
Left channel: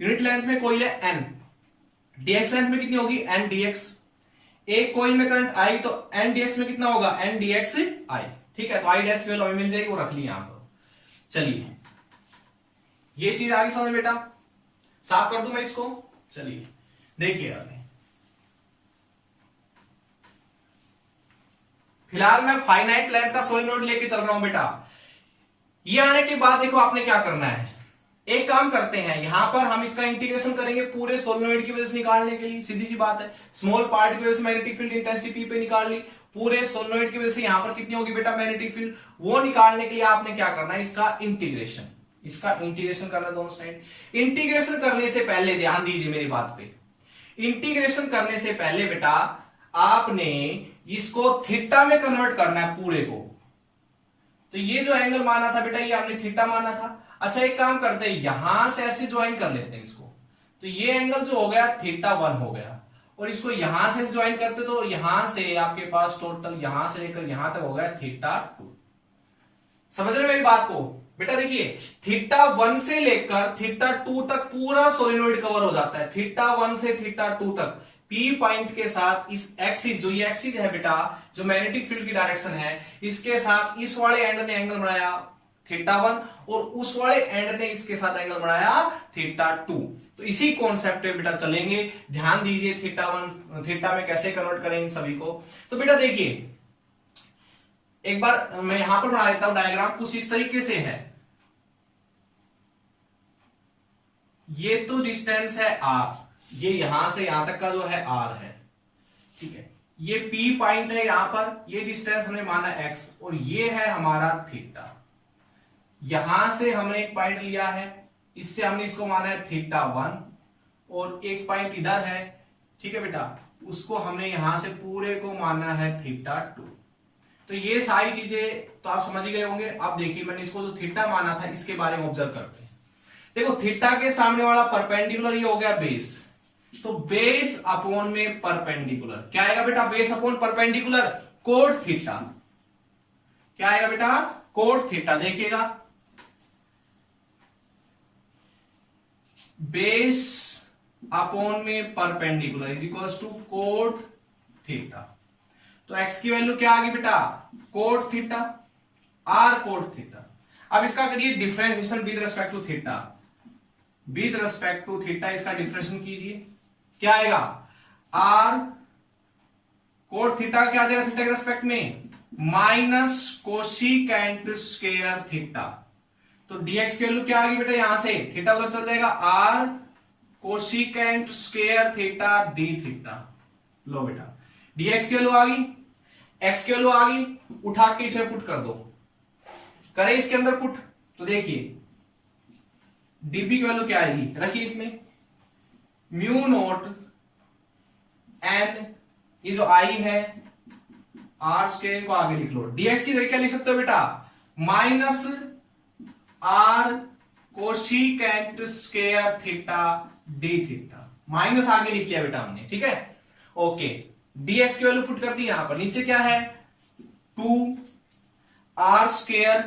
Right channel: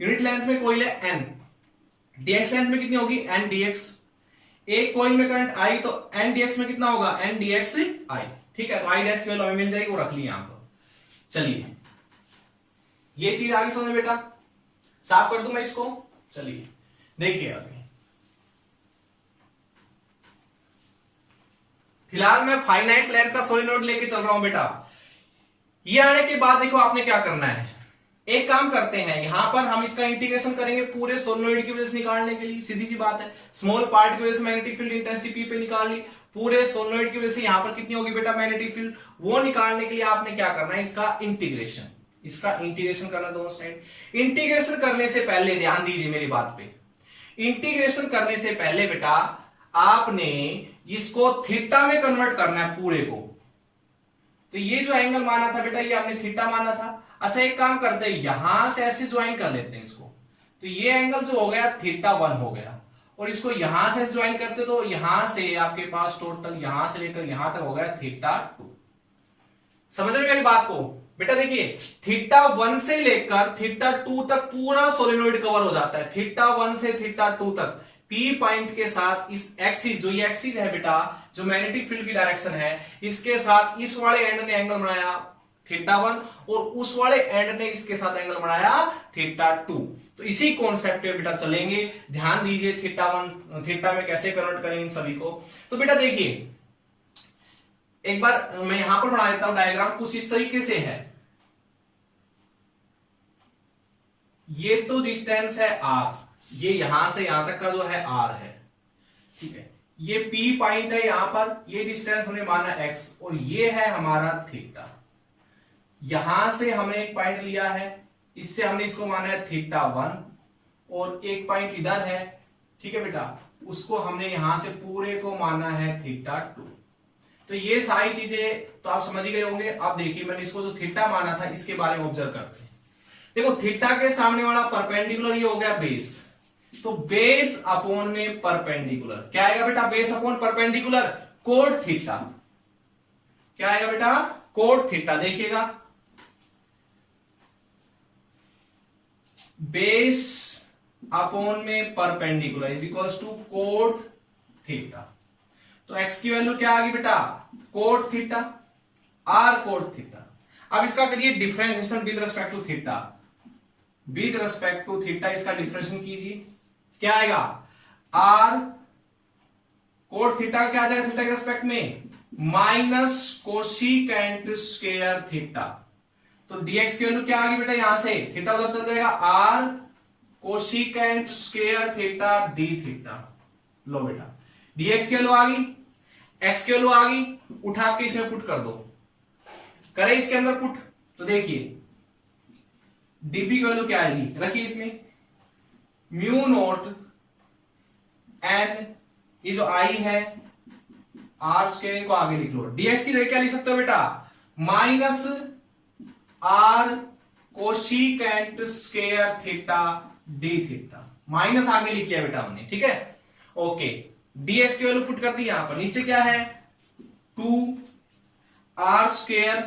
यूनिट लेंथ में कोइल है n, dx लेंथ में कितनी होगी n dx। एक कोइल में करंट आई तो n dx में कितना होगा, n dx i, ठीक है। तो आई डैश की वैल्यू हमें मिल जाएगी, वो रख ली यहां पर। चलिए ये चीज आगे समझ बेटा, साफ कर दूं मैं इसको। चलिए देखिए आगे, फिलहाल मैं फाइनाइट लेंथ का सोलिनॉइड लेके चल रहा हूं बेटा। ये आने के बाद देखो आपने क्या करना है, एक काम करते हैं, यहां पर हम इसका इंटीग्रेशन करेंगे पूरे सोलिनॉइड की वजह से निकालने के लिए। सीधी सी बात है, स्मॉल पार्ट की वजह से मैग्नेटिक फील्ड इंटेंसिटी पी पे निकाल ली, पूरे सोलिनॉइड की वजह से यहां पर कितनी होगी बेटा मैग्नेटिक फील्ड, वो निकालने के लिए आपने क्या करना है, इसका इंटीग्रेशन, इसका इंटीग्रेशन करना दोनों साइड। इंटीग्रेशन करने से पहले ध्यान दीजिए मेरी बात पे, इंटीग्रेशन करने से पहले बेटा आपने इसको थीटा में कन्वर्ट करना है पूरे को। तो ये जो एंगल माना था बेटा, ये आपने थीटा माना था। अच्छा एक काम करते हैं, यहां से ऐसे ज्वाइन कर लेते हैं इसको, तो ये एंगल जो हो गया θ1 हो गया, और इसको यहां से ज्वाइन करते तो यहां से आपके पास टोटल यहां से लेकर यहां तक हो गया θ2। समझ रहे मेरी बात को बेटा? देखिए θ1 से लेकर θ2 तक पूरा सोलिनॉइड कवर हो जाता है, θ1 से θ2 तक P पॉइंट के साथ इस एक्सिस, जो ये एक्सिस है बेटा, जो मैग्नेटिक फील्ड की डायरेक्शन है, इसके साथ इस वाले एंड ने एंगल बनाया θ1 और उस वाले एंड ने इसके साथ एंगल बनाया θ2। तो इसी कॉन्सेप्ट पे बेटा चलेंगे, ध्यान दीजिए θ1 θ में कैसे कन्वर्ट करें इन सभी को। तो बेटा देखिए एक बार मैं यहां पर बना देता हूं डायग्राम, कुछ इस तरीके से है। ये तो डिस्टेंस है r, ये यहां से यहां तक का जो है r है, ठीक है। ये P पॉइंट है यहां पर, ये डिस्टेंस हमने माना x, और ये है हमारा θ। यहां से हमने एक पॉइंट लिया है, इससे हमने इसको माना है θ1, और एक पॉइंट इधर है, ठीक है बेटा, उसको हमने यहां से पूरे को माना है θ2। तो ये सारी चीजें तो आप समझ ही गए होंगे। अब देखिए मैंने इसको जो थीटा माना था इसके बारे में ऑब्जर्व करते हैं। देखो थीटा के सामने वाला परपेंडिकुलर ये हो गया बेस, तो बेस अपॉन में परपेंडिकुलर क्या आएगा बेटा, base upon perpendicular cot theta, क्या आएगा बेटा, कोट थीटा। देखिएगा बेस अपॉन में perpendicular is equals to cot theta. तो x की वैल्यू क्या आ गई बेटा, cot theta, r cot theta. अब इसका करिए differentiation with respect to theta, with respect to theta इसका डिफरेंशिएशन कीजिए, क्या आएगा, r कोट थीटा क्या आ जाएगा थीटा के रिस्पेक्ट में, माइनस कोसिकेंट स्क्वायर थीटा। तो dx की वैल्यू क्या आ गई बेटा, यहां से थीटा उधर चल जाएगा, r cosecant square theta d theta. लो बेटा dx की वैल्यू आ गई, x की वैल्यू आ गई, उठा के इसे पुट कर दो, करें इसके अंदर पुट। तो देखिए dB की वैल्यू क्या आएगी, रखिए इसमें म्यू नोट n, ये जो i है r स्क्वायर को आगे लिख लो। dx की जगह क्या लिख सकते हो बेटा, minus r cosecant square theta d theta, minus आगे लिख लिया बेटा हमने, ठीक है। ओके dx की वैल्यू पुट कर दी यहां पर, नीचे क्या है 2r स्क्वायर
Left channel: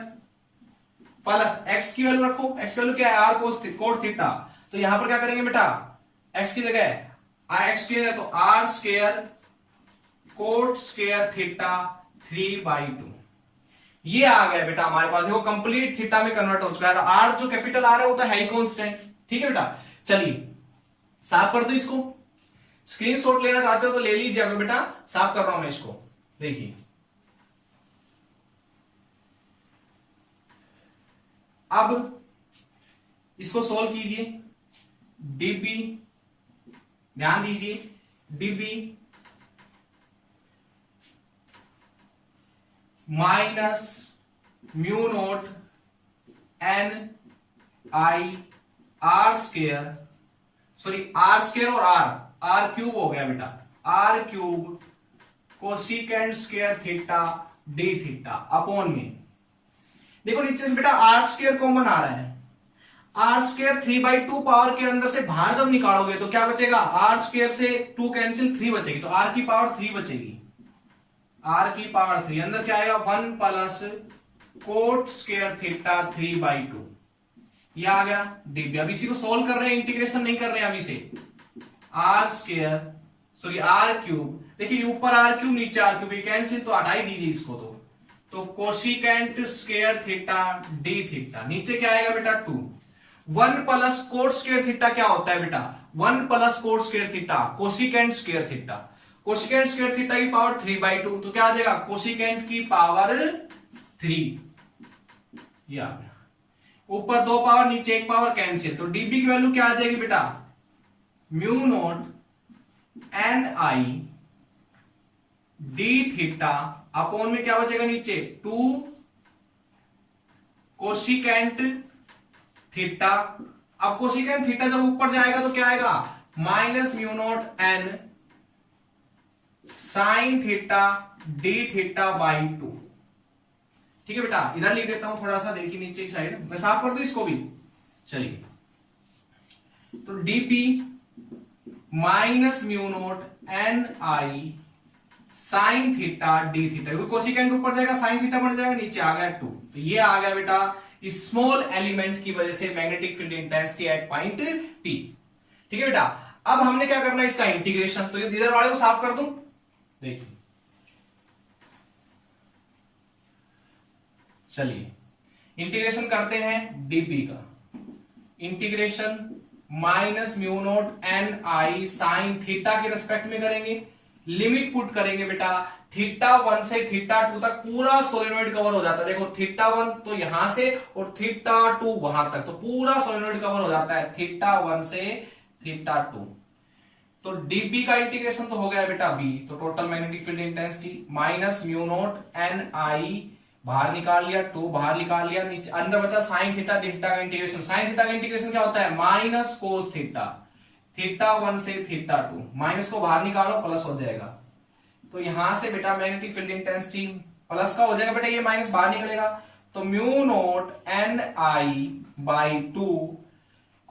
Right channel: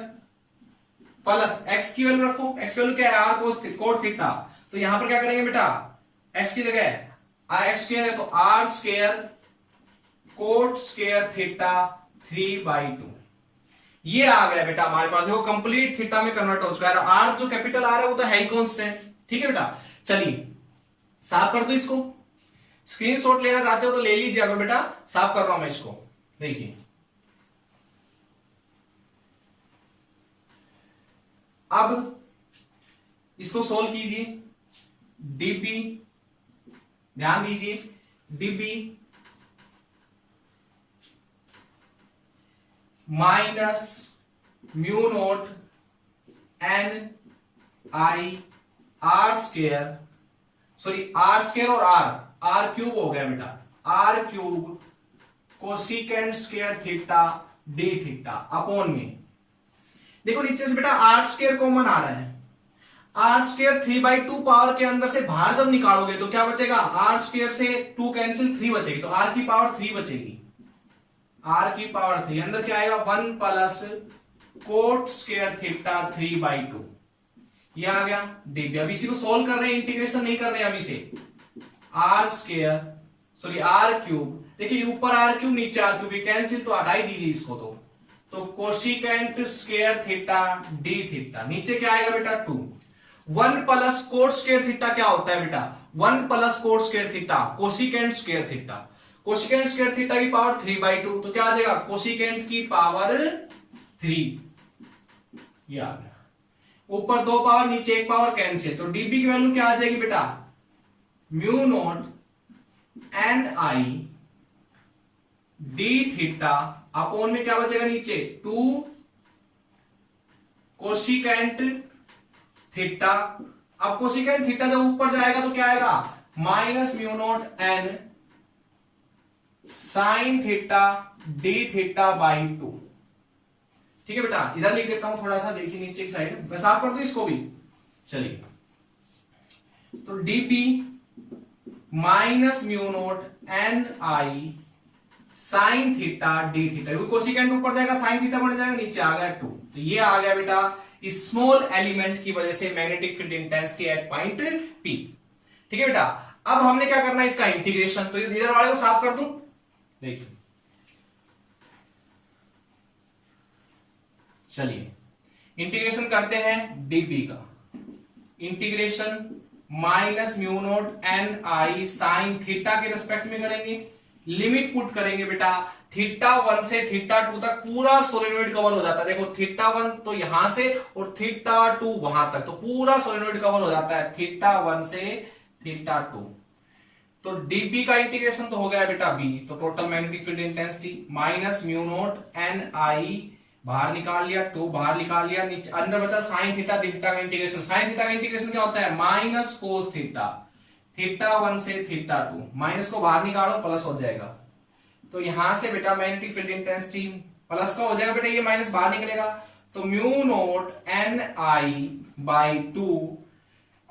प्लस x की वैल्यू रखो, x की वैल्यू क्या है r कोट थीटा। तो यहां पर क्या करेंगे बेटा, x की जगह x स्क्वायर है तो r square coat square theta 3/2। ये आ गया बेटा हमारे पास, देखो कंप्लीट थीटा में कन्वर्ट हो चुका है। r जो कैपिटल r है वो तो है ही कांस्टेंट, ठीक है बेटा। चलिए साफ कर दो इसको, स्क्रीनशॉट लेना चाहते हो तो ले लीजिए, अगर बेटा साफ कर रहा हूं मैं इसको। देखिए अब इसको सोल्व कीजिए। डीबी, ध्यान दीजिए, dB minus mu naught N I R square, sorry R square और आर क्यूब हो गया बेटा, R cube cosecant square theta d theta upon में, देखो नीचे से बेटा आर स्क्वायर कॉमन आ रहा है, आर स्क्वायर 3/2 पावर के अंदर से बाहर जब निकालोगे तो क्या बचेगा, आर स्क्वायर से 2 कैंसिल 3 बचेगी, तो आर की पावर 3 बचेगी, आर की पावर 3, अंदर क्या आएगा 1 प्लस कोट स्क्वायर थीटा 3/2, ये आ गया डीबी। अब इसी को सोल्व कर रहे हैं, इंटीग्रेशन नहीं कर रहे हैं अभी से, R square sorry R cube, देखिए ऊपर आर क्यूब नीचे आर क्यूब कैंसिल, तो हटा ही दीजिए इसको, तो cosecant square theta d theta, नीचे क्या आएगा बेटा 2, 1 प्लस कोट स्क्वायर थीटा क्या होता है बेटा, 1 plus coat square theta cosecant square theta, cosecant square theta की पावर 3/2, तो क्या आ जाएगा कोसिकेंट की पावर 3, ये आ गया, ऊपर 2 पावर नीचे 1 पावर कैंसिल, तो डीबी की वैल्यू क्या आ जाएगी बेटा, mu naught n I D theta upon में क्या बचेगा नीचे 2 कोसिकेंट थीटा, अब कोसिकेंट थीटा जब ऊपर जाएगा तो क्या आएगा minus mu naught N sign theta d theta by 2, ठीक है बेटा, इधर लिख देता हूं थोड़ा सा, देखिए नीचे की साइड मैं साफ कर दूं इसको भी, चलिए, तो dp minus mu naught N I sine theta d theta, cosecant ऊपर जाएगा साइन थीटा बन जाएगा, नीचे आ गया 2, तो ये आ गया बेटा स्मॉल एलिमेंट की वजह से magnetic field intensity at point P, ठीक है बेटा। अब हमने क्या करना है इसका इंटीग्रेशन, तो इधर वाले को साफ कर दूं, देखिए चलिए इंटीग्रेशन करते हैं डीपी का, integration minus mu naught N I sine theta के रिस्पेक्ट में करेंगे, लिमिट पुट करेंगे बेटा, थीटा 1 से थीटा 2 तक पूरा सोलेनोइड कवर हो जाता है, देखो थीटा 1 तो यहां से और थीटा 2 वहां तक, तो पूरा सोलेनोइड कवर हो जाता है थीटा 1 से थीटा 2, तो डीबी का इंटीग्रेशन तो हो गया बेटा बी, तो total magnetic field intensity minus mu naught N I, बाहर निकाल लिया 2 बाहर निकाल लिया, नीचे अंदर बचा साइन थीटा डी थीटा का इंटीग्रेशन, साइन थीटा का इंटीग्रेशन क्या होता है माइनस कोस थीटा, थीटा 1 से थीटा 2, माइनस को बाहर निकालो प्लस हो जाएगा, तो यहां से बेटा मैग्नेटिक फील्ड इंटेंसिटी प्लस का हो जाएगा बेटा, ये माइनस बाहर निकलेगा, तो mu naught N I by 2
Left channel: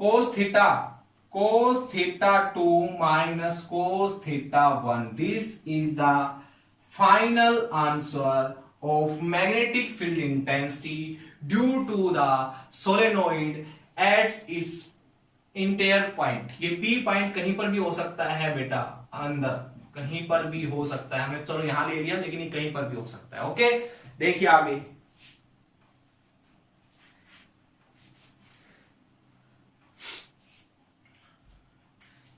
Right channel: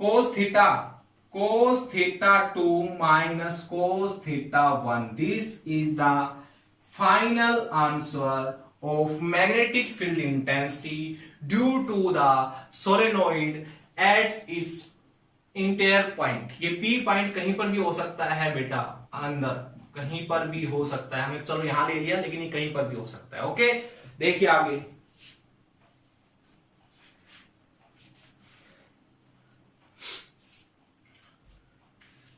cos theta 2 minus cos theta 1, this is the final answer of magnetic field intensity due to the solenoid at its interior point, ये P point कहीं पर भी हो सकता है बेटा, अंदर कहीं पर भी हो सकता है, हमें चलो यहां ले लिया लेकिन ये कहीं पर भी हो सकता है, ओके। देखिए आगे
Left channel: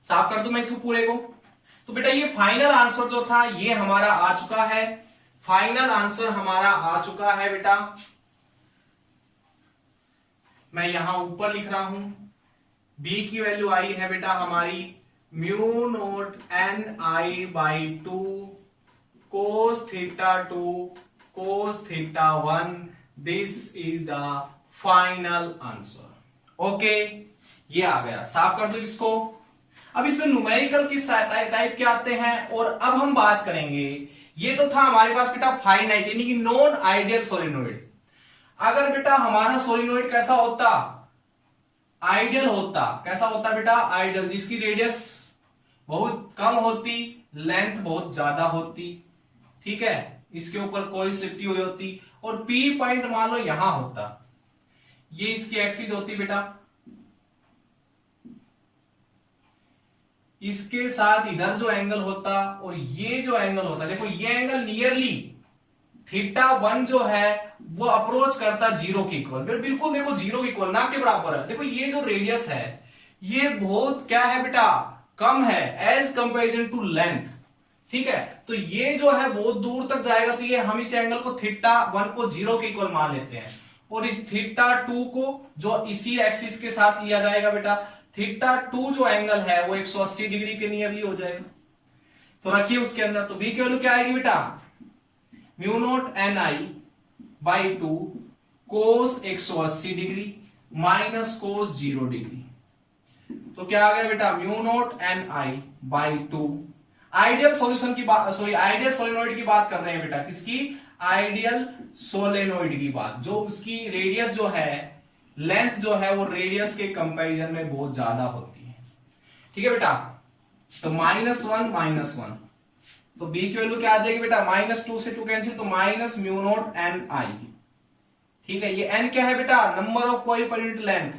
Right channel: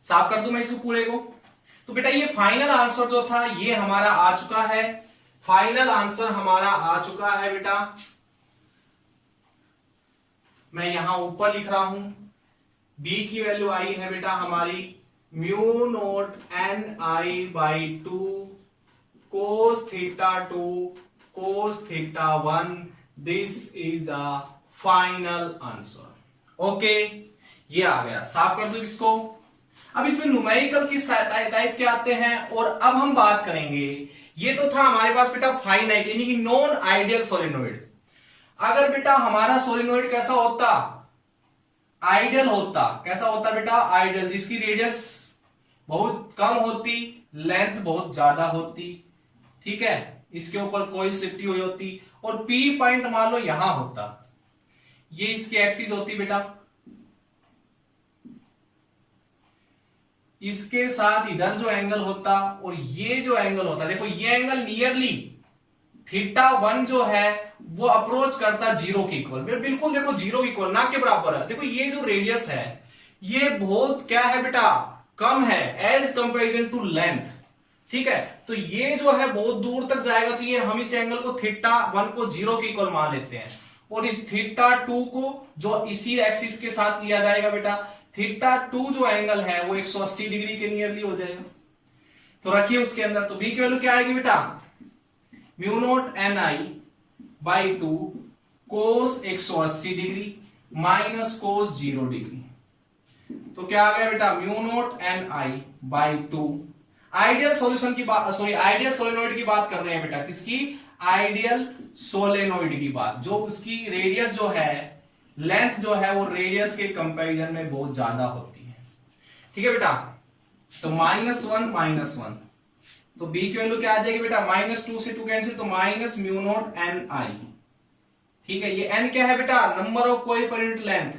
साफ कर दूं मैं इस पूरे को, तो बेटा ये फाइनल आंसर जो था ये हमारा आ चुका है, फाइनल आंसर हमारा आ चुका है बेटा, मैं यहां ऊपर लिख रहा हूं, बी की वैल्यू आई है बेटा हमारी mu naught N I by 2 cos theta 2 cos theta 1, this is the final answer, okay. ये आ गया, साफ कर दो इसको। अब इसमें न्यूमेरिकल किस टाइप के आते हैं, और अब हम बात करेंगे, ये तो था हमारे पास बेटा फाइनाइट यानी कि नॉन आइडियल सोलेनोइड, अगर बेटा हमारा सोलेनोइड कैसा होता आइडियल होता, कैसा होता बेटा आइडियल, जिसकी रेडियस बहुत कम होती, लेंथ बहुत ज्यादा होती, ठीक है, इसके ऊपर कोई लिपटी हुई होती, और पी पॉइंट मान लो यहां होता, ये इसकी एक्सिस होती बेटा, इसके साथ इधर जो एंगल होता और ये जो एंगल होता, देखो ये एंगल नियरली थीटा 1 जो है वो अप्रोच करता जीरो के इक्वल, बिल्कुल देखो जीरो के इक्वल ना के बराबर है, देखो ये जो रेडियस है ये बहुत क्या है बेटा कम है एज कंपेरिजन टू लेंथ, ठीक है, तो ये जो है बहुत दूर तक जाएगा, तो ये हम इस एंगल को थीटा 1 को जीरो के इक्वल मान लेते हैं, और इस थीटा 2 को जो इसी एक्सिस के साथ लिया जाएगा बेटा, थीटा 2 जो एंगल है वो 180 डिग्री के नियरली हो जाएगा। तो रखिए उसके अंदर, तो बी की वैल्यू क्या आएगी बेटा, mu naught n I by 2 cos 180 degree minus cos 0 degree. तो क्या आ गया बेटा, mu naught n I by 2। Ideal solution की बात, सॉरी आइडियल सोलेनोइड की बात कर रहे हैं बेटा, किसकी, आइडियल सोलेनोइड की बात, जो उसकी रेडियस जो है, लेंथ जो है वो रेडियस के कंपैरिजन में बहुत ज्यादा होती है। ठीक है बेटा, तो -1 तो बी की वैल्यू क्या आ जाएगी बेटा, -2 से 2 कैंसिल, तो माइनस म्यू नॉट एन आई। ठीक है, ये एन क्या है बेटा, नंबर ऑफ कॉइल पर यूनिट लेंथ।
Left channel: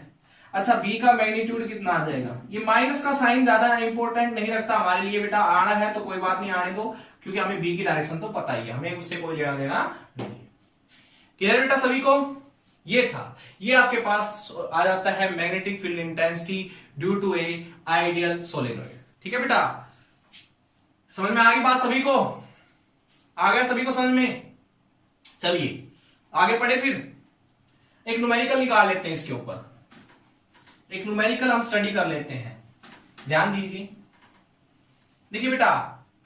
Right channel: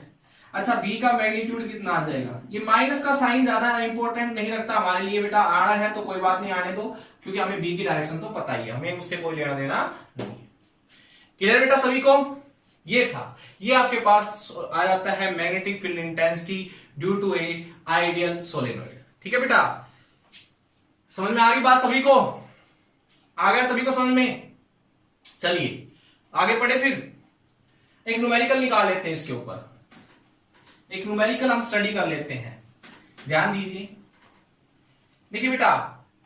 अच्छा, बी का मैग्नीट्यूड कितना आ जाएगा, ये माइनस का साइन ज्यादा इंपॉर्टेंट नहीं रखता हमारे लिए बेटा, आना है तो कोई बात नहीं, आने दो, क्योंकि हमें बी की डायरेक्शन तो पता ही है, हमें उससे कोई लेना देना नहीं। क्लियर बेटा सभी को, ये था, ये आपके पास आ जाता है magnetic field intensity due to a ideal solenoid. ठीक है बेटा, समझ में आ गई बात सभी को, आ गया सभी को समझ में। चलिए आगे पढ़े, फिर एक न्यूमेरिकल निकाल लेते हैं इसके ऊपर, एक न्यूमेरिकल हम स्टडी कर लेते हैं, ध्यान दीजिए। देखिए बेटा,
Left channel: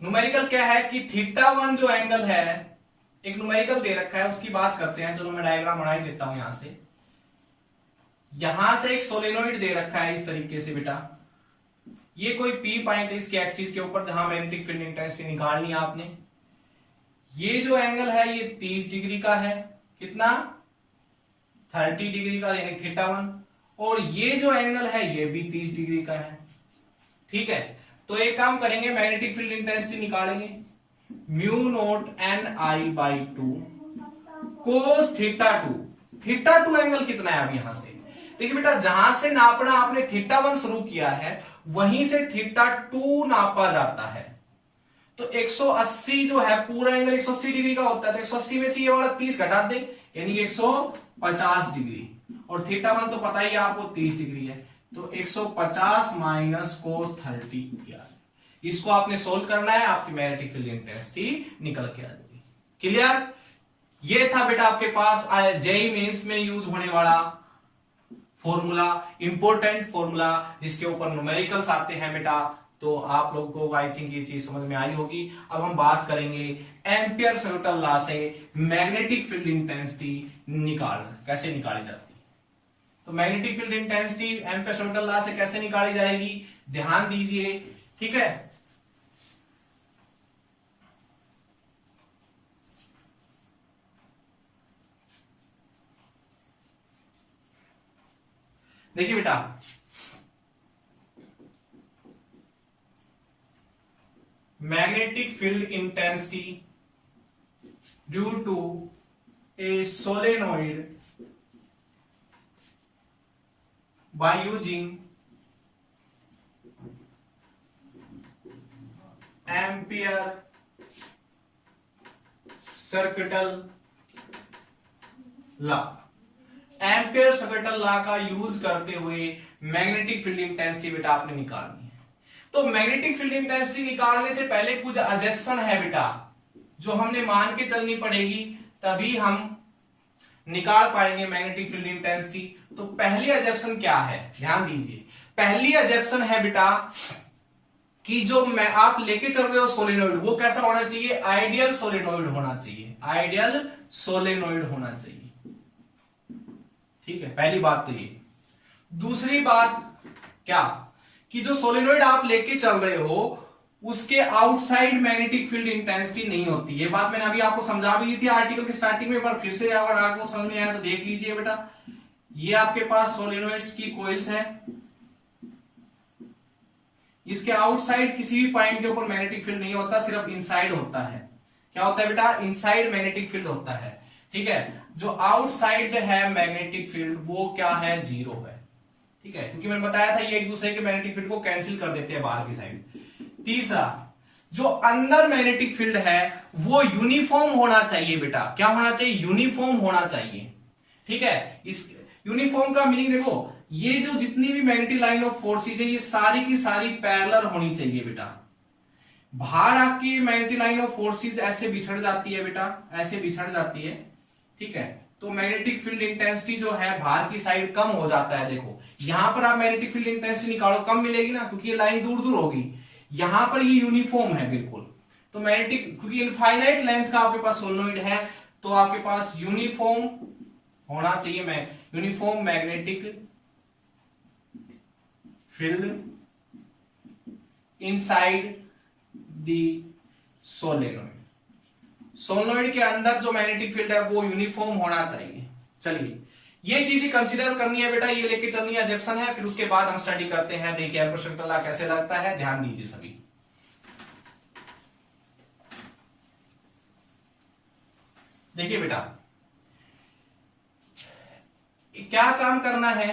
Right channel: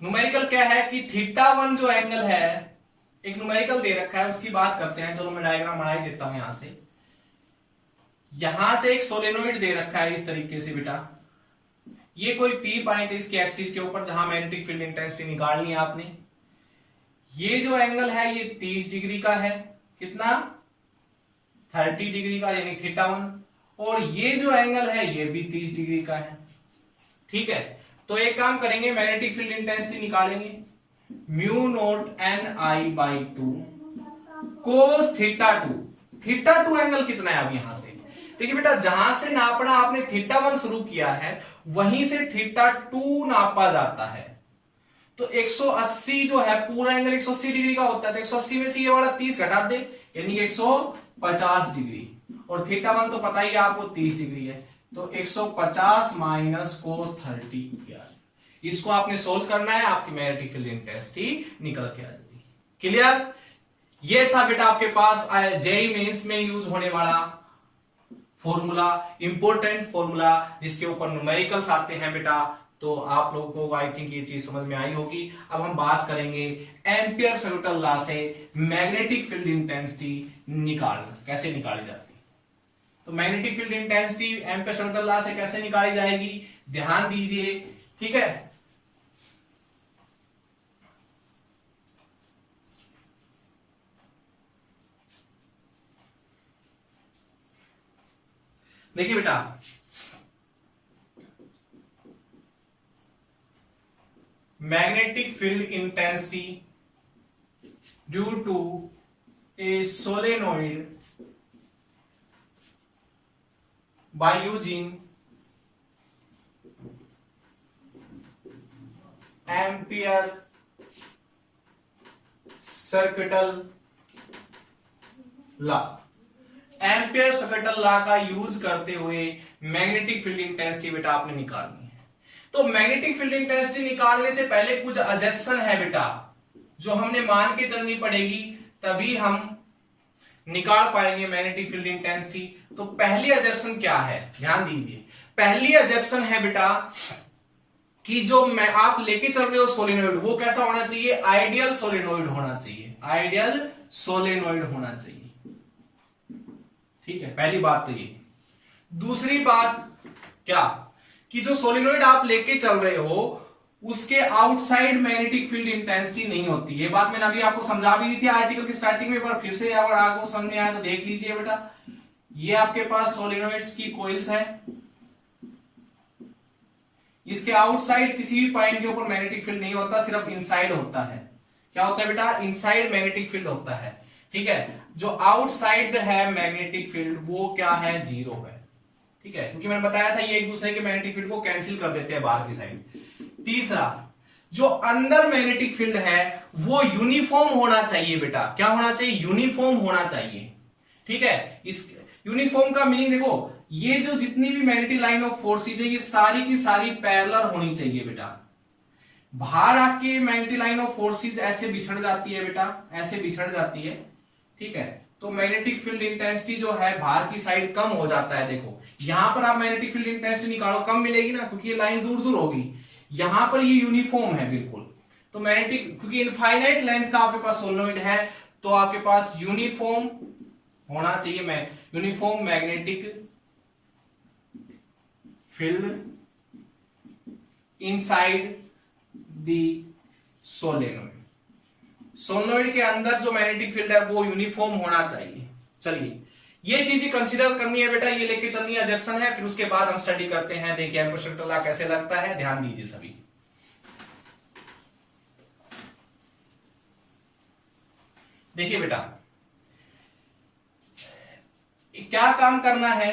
न्यूमेरिकल क्या है कि θ1 जो एंगल है, एक न्यूमेरिकल दे रखा है, उसकी बात करते हैं। चलो मैं डायग्राम बना ही देता हूं यहां से। यहां से एक सोलेनोइड दे रखा है इस तरीके से बेटा, ये कोई पी पॉइंट इसके एक्सिस के ऊपर जहां मैग्नेटिक फील्ड इंटेंसिटी निकालनी है आपने। ये जो एंगल है ये 30 डिग्री का है, कितना, 30 डिग्री का, यानी θ1। और ये जो एंगल है ये भी 30 डिग्री का है। ठीक है, तो एक काम करेंगे, मैग्नेटिक फील्ड इंटेंसिटी निकालेंगे, mu naught n I by 2 cos θ2। θ2 angle कितना है अब यहां से, देखिए बेटा, जहां से नापना आपने θ1 शुरू किया है वहीं से θ2 नापा जाता है। तो 180 जो है, पूरा एंगल 180 डिग्री का होता है, तो 180 में से ये वाला 30 घटा दे, यानी 150 डिग्री, और θ1 तो पता ही है आपको 30 डिग्री है, तो 150 माइनस कोस 30। इसको आपने सोल्व करना है, आपकी मैग्नेटिक फील्ड इंटेंसिटी निकल के आ जाएगी। क्लियर, ये था बेटा आपके पास जेईई मेंस में यूज होने वाला फॉर्मूला, इंपॉर्टेंट फॉर्मूला, जिसके ऊपर न्यूमेरिकल्स आते हैं बेटा। तो आप लोगों को आई थिंक ये चीज समझ में आई होगी। अब हम बात करेंगे एम्पियर्स न्यूटन लॉ से मैग्नेटिक फील्ड इंटेंसिटी कैसे निकाली जाती है। तो magnetic field intensity amperes Newton law से कैसे निकाली जाएगी, ध्यान दीजिए। ठीक है, देखिए बेटा, magnetic field intensity due to a solenoid by using Ampere circuital law. Ampere circuital law का यूज करते हुए मैग्नेटिक फील्ड इंटेंसिटी बेटा आपने निकालनी है। तो मैग्नेटिक फील्ड इंटेंसिटी निकालने से पहले कुछ अजम्पशन है बेटा, जो हमने मान के चलनी पड़ेगी, तभी हम निकाल पाएंगे मैग्नेटिक फील्ड इंटेंसिटी। तो पहली अजम्पशन क्या है, ध्यान दीजिए। पहली अजम्पशन है बेटा कि जो मैं आप लेके चल रहे हो सोलेनोइड, वो कैसा होना चाहिए, आइडियल सोलेनोइड होना चाहिए, आइडियल सोलेनोइड होना चाहिए। ठीक है, पहली बात तो ये। दूसरी बात क्या, कि जो सोलेनोइड आप लेके चल रहे हो उसके आउटसाइड मैग्नेटिक फील्ड इंटेंसिटी नहीं होती। ये बात मैंने अभी आपको समझा भी दी थी आर्टिकल की स्टार्टिंग में, पर फिर से अगर आपको समझ में आया तो देख लीजिए बेटा। ये आपके पास सोलेनोइड्स की कॉइल्स है, इसके आउटसाइड किसी भी पॉइंट के ऊपर मैग्नेटिक फील्ड नहीं होता, सिर्फ इनसाइड होता है। क्या होता है बेटा, इनसाइड मैग्नेटिक फील्ड होता है। ठीक है, जो आउटसाइड है मैग्नेटिक फील्ड वो क्या है, 0 है। ठीक है, क्योंकि मैंने बताया था ये एक दूसरे के मैग्नेटिक फील्ड को कैंसिल कर देते हैं बाहर की साइड। तीसरा, जो अंदर मैग्नेटिक फील्ड है वो यूनिफॉर्म होना चाहिए बेटा। क्या होना चाहिए, यूनिफॉर्म होना चाहिए। ठीक है, इस यूनिफॉर्म का मीनिंग देखो, ये जो जितनी भी मैग्नेटिक लाइन ऑफ फोर्सेज है ये सारी की सारी पैरेलल होनी चाहिए बेटा। बाहर आके मैग्नेटिक लाइन ऑफ फोर्सेज ऐसे बिछड़ जाती है बेटा, ऐसे बिछड़ जाती है। ठीक है, तो मैग्नेटिक फील्ड इंटेंसिटी जो है बाहर की साइड कम हो जाता है। देखो यहां पर आप मैग्नेटिक फील्ड इंटेंसिटी निकालो, कम मिलेगी ना, क्योंकि ये लाइन दूर दूर होगी। यहां पर ये यूनिफॉर्म है बिल्कुल। तो मैग्नेटिक, क्योंकि इनफाइनाइट लेंथ का आपके पास सोलेनोइड है, तो आपके पास यूनिफॉर्म होना चाहिए, uniform magnetic field inside the solenoid. Solenoid के अंदर जो मैग्नेटिक फील्ड है वो यूनिफॉर्म होना चाहिए। चलिए ये चीजें कंसीडर करनी है बेटा, ये लेके चलनी है, जंक्शन है, फिर उसके बाद हम स्टडी करते हैं। देखिए एम्परसेंट लॉ कैसे लगता है, ध्यान दीजिए सभी। देखिए बेटा क्या काम करना है,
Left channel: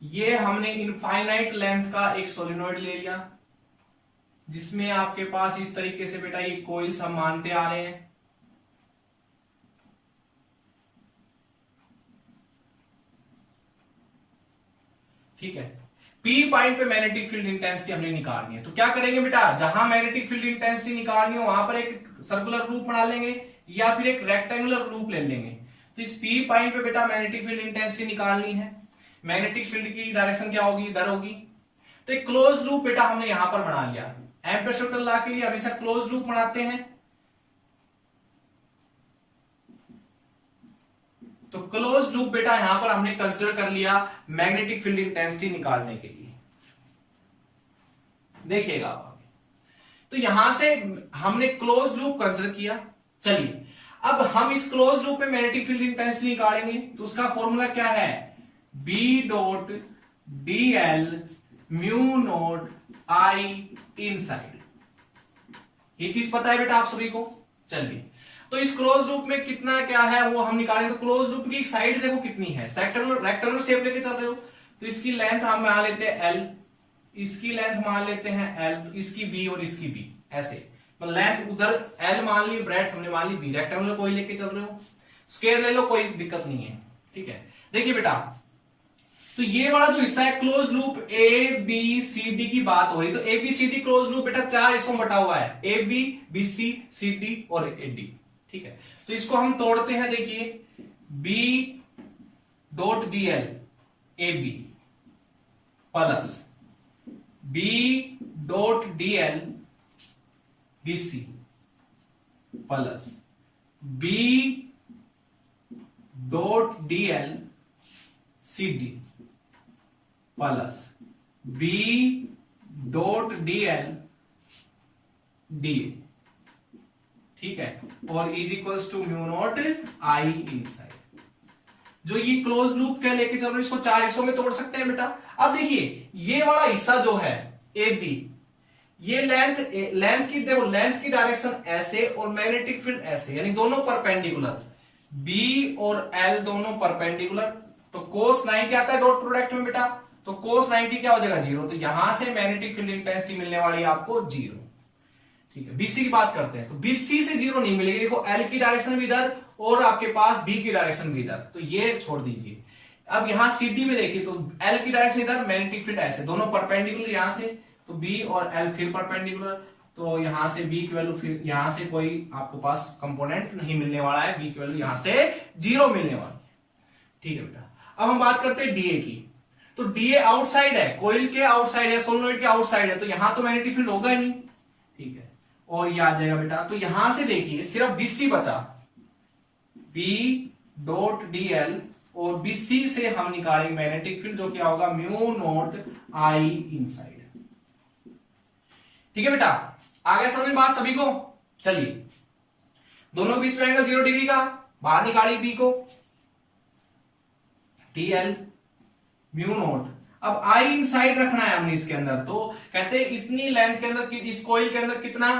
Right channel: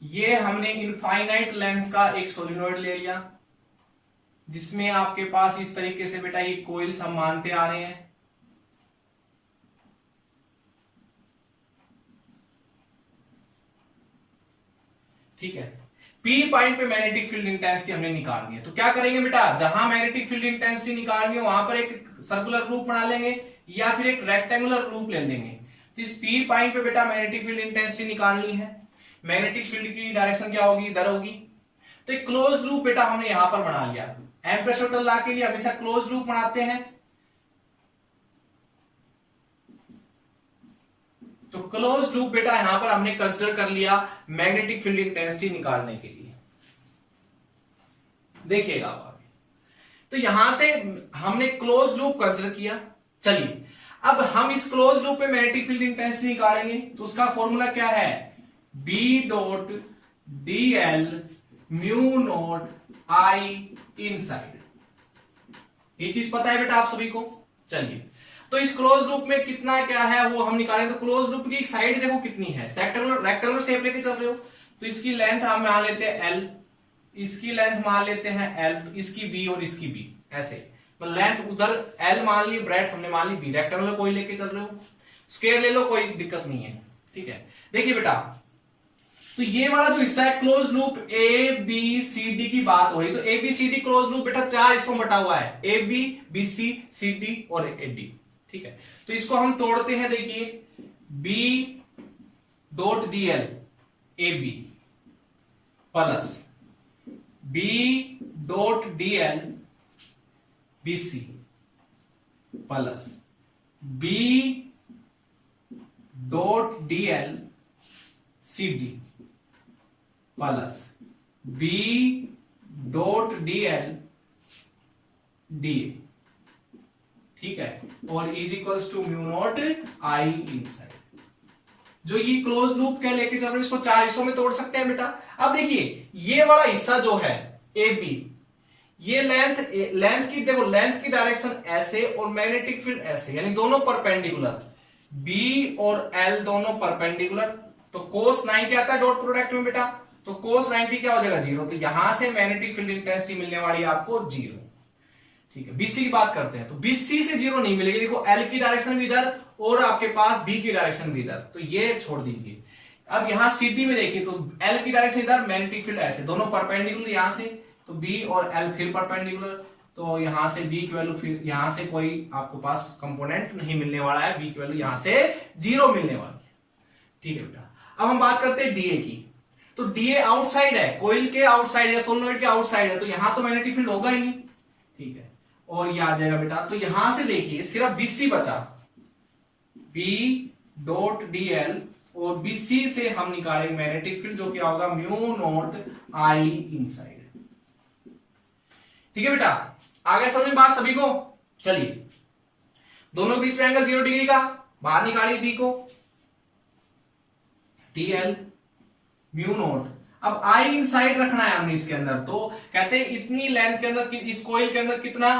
ये हमने इनफाइनाइट लेंथ का एक सोलेनोइड ले लिया, जिसमें आपके पास इस तरीके से बेटा ये कोइल्स हम मानते आ रहे हैं। ठीक है, पी पॉइंट पे मैग्नेटिक फील्ड इंटेंसिटी हमने निकालनी है। तो क्या करेंगे बेटा, जहां मैग्नेटिक फील्ड इंटेंसिटी निकालनी है वहां पर एक सर्कुलर लूप बना लेंगे या फिर एक रेक्टेंगुलर लूप ले लेंगे। तो इस पी पॉइंट पे बेटा मैग्नेटिक फील्ड इंटेंसिटी निकालनी है। मैग्नेटिक फील्ड की डायरेक्शन क्या होगी, इधर होगी। तो एक क्लोज लूप बेटा हमने यहां पर बना लिया। एम्परसेंट लॉ के लिए हमेशा क्लोज लूप बनाते हैं। तो क्लोज लूप बेटा यहां पर हमने कंसीडर कर लिया मैग्नेटिक फील्ड इंटेंसिटी निकालने के लिए। देखिएगा आप आगे, तो यहां से हमने क्लोज लूप कंसीडर किया। चलिए अब हम इस क्लोज लूप पे मैग्नेटिक फील्ड इंटेंसिटी निकालेंगे। तो उसका फॉर्मूला क्या है, B dot d l mu naught I inside. ये चीज पता है बेटा आप सभी को। चलिए तो इस क्लोज लूप में कितना क्या है वो हम निकालेंगे। तो क्लोज लूप की साइड देखो कितनी है, रेक्टेंगुलर शेप लेके चल रहे हो, तो इसकी लेंथ हम मान लेते हैं एल, इसकी लेंथ मान लेते हैं एल, तो इसकी बी और इसकी बी, ऐसे तो लेंथ उधर एल मान ली, ब्रेड्थ हमने मान ली बी। रेक्टेंगुलर कोई लेके चल रहे हो, स्क्वायर ले लो, कोई दिक्कत नहीं है। ठीक है, देखिए बेटा तो ये वाला जो हिस्सा है close loop A B C D की बात हो रही। तो A B C D close loop बेटा 4 हिस्सों में बटा हुआ है, A B B C C D और ए डी। ठीक है, तो इसको हम तोड़ते हैं। देखिए B dot d l A B plus B dot d l B C plus B dot d l C D plus B dot d l D. ठीक है, और is equals to mu naught I inside. जो ये close loop के लेके चल रहे इसको 4 हिस्सों में तोड़ सकते हैं बेटा। अब देखिए ये वाला हिस्सा जो है ए बी, ये लेंथ की देखो, लेंथ की डायरेक्शन ऐसे और मैग्नेटिक फील्ड ऐसे, यानी दोनों परपेंडिकुलर, बी और एल दोनों परपेंडिकुलर। तो कोस 90 आता है डॉट प्रोडक्ट में बेटा, तो कोस 90 क्या हो जाएगा 0। तो यहां से मैग्नेटिक फील्ड इंटेंसिटी मिलने वाली है आपको 0। ठीक है, बीसी की बात करते हैं, तो बीसी से 0 नहीं मिलेगी। देखो एल की डायरेक्शन भी इधर और आपके पास बी की डायरेक्शन भी इधर, तो ये छोड़ दीजिए। अब यहां सीडी में देखिए, तो एल की डायरेक्शन इधर, मैग्नेटिक फील्ड ऐसे, दोनों परपेंडिकुलर यहां से, तो बी और एल फिर परपेंडिकुलर, तो यहां से बी की वैल्यू, फिर यहां से कोई आपको पास कंपोनेंट नहीं मिलने वाला है, बी की वैल्यू यहां से 0 मिलने वाली है। ठीक है बेटा, अब हम बात करते हैं डीए की। तो डीए आउटसाइड है, कोइल के आउटसाइड है, सोलेनोइड के आउटसाइड है, तो यहां तो मैग्नेटिक फील्ड होगा ही नहीं। ठीक है, और ये आ जाएगा बेटा, तो यहां से देखिए सिर्फ बीसी बचा, बी डॉट डी एल, और बीसी से हम निकालेंगे मैग्नेटिक फील्ड, जो क्या होगा म्यू नॉट आई इनसाइड। ठीक है बेटा, आगे समझ में बात सभी को। चलिए दोनों के बीच में एंगल 0 डिग्री का, बाहर निकालिए बी को, डी एल म्यू नॉट। अब आई इनसाइड रखना है हमने इसके अंदर, तो कहते हैं इतनी लेंथ के अंदर, इस कोइल के अंदर कितना,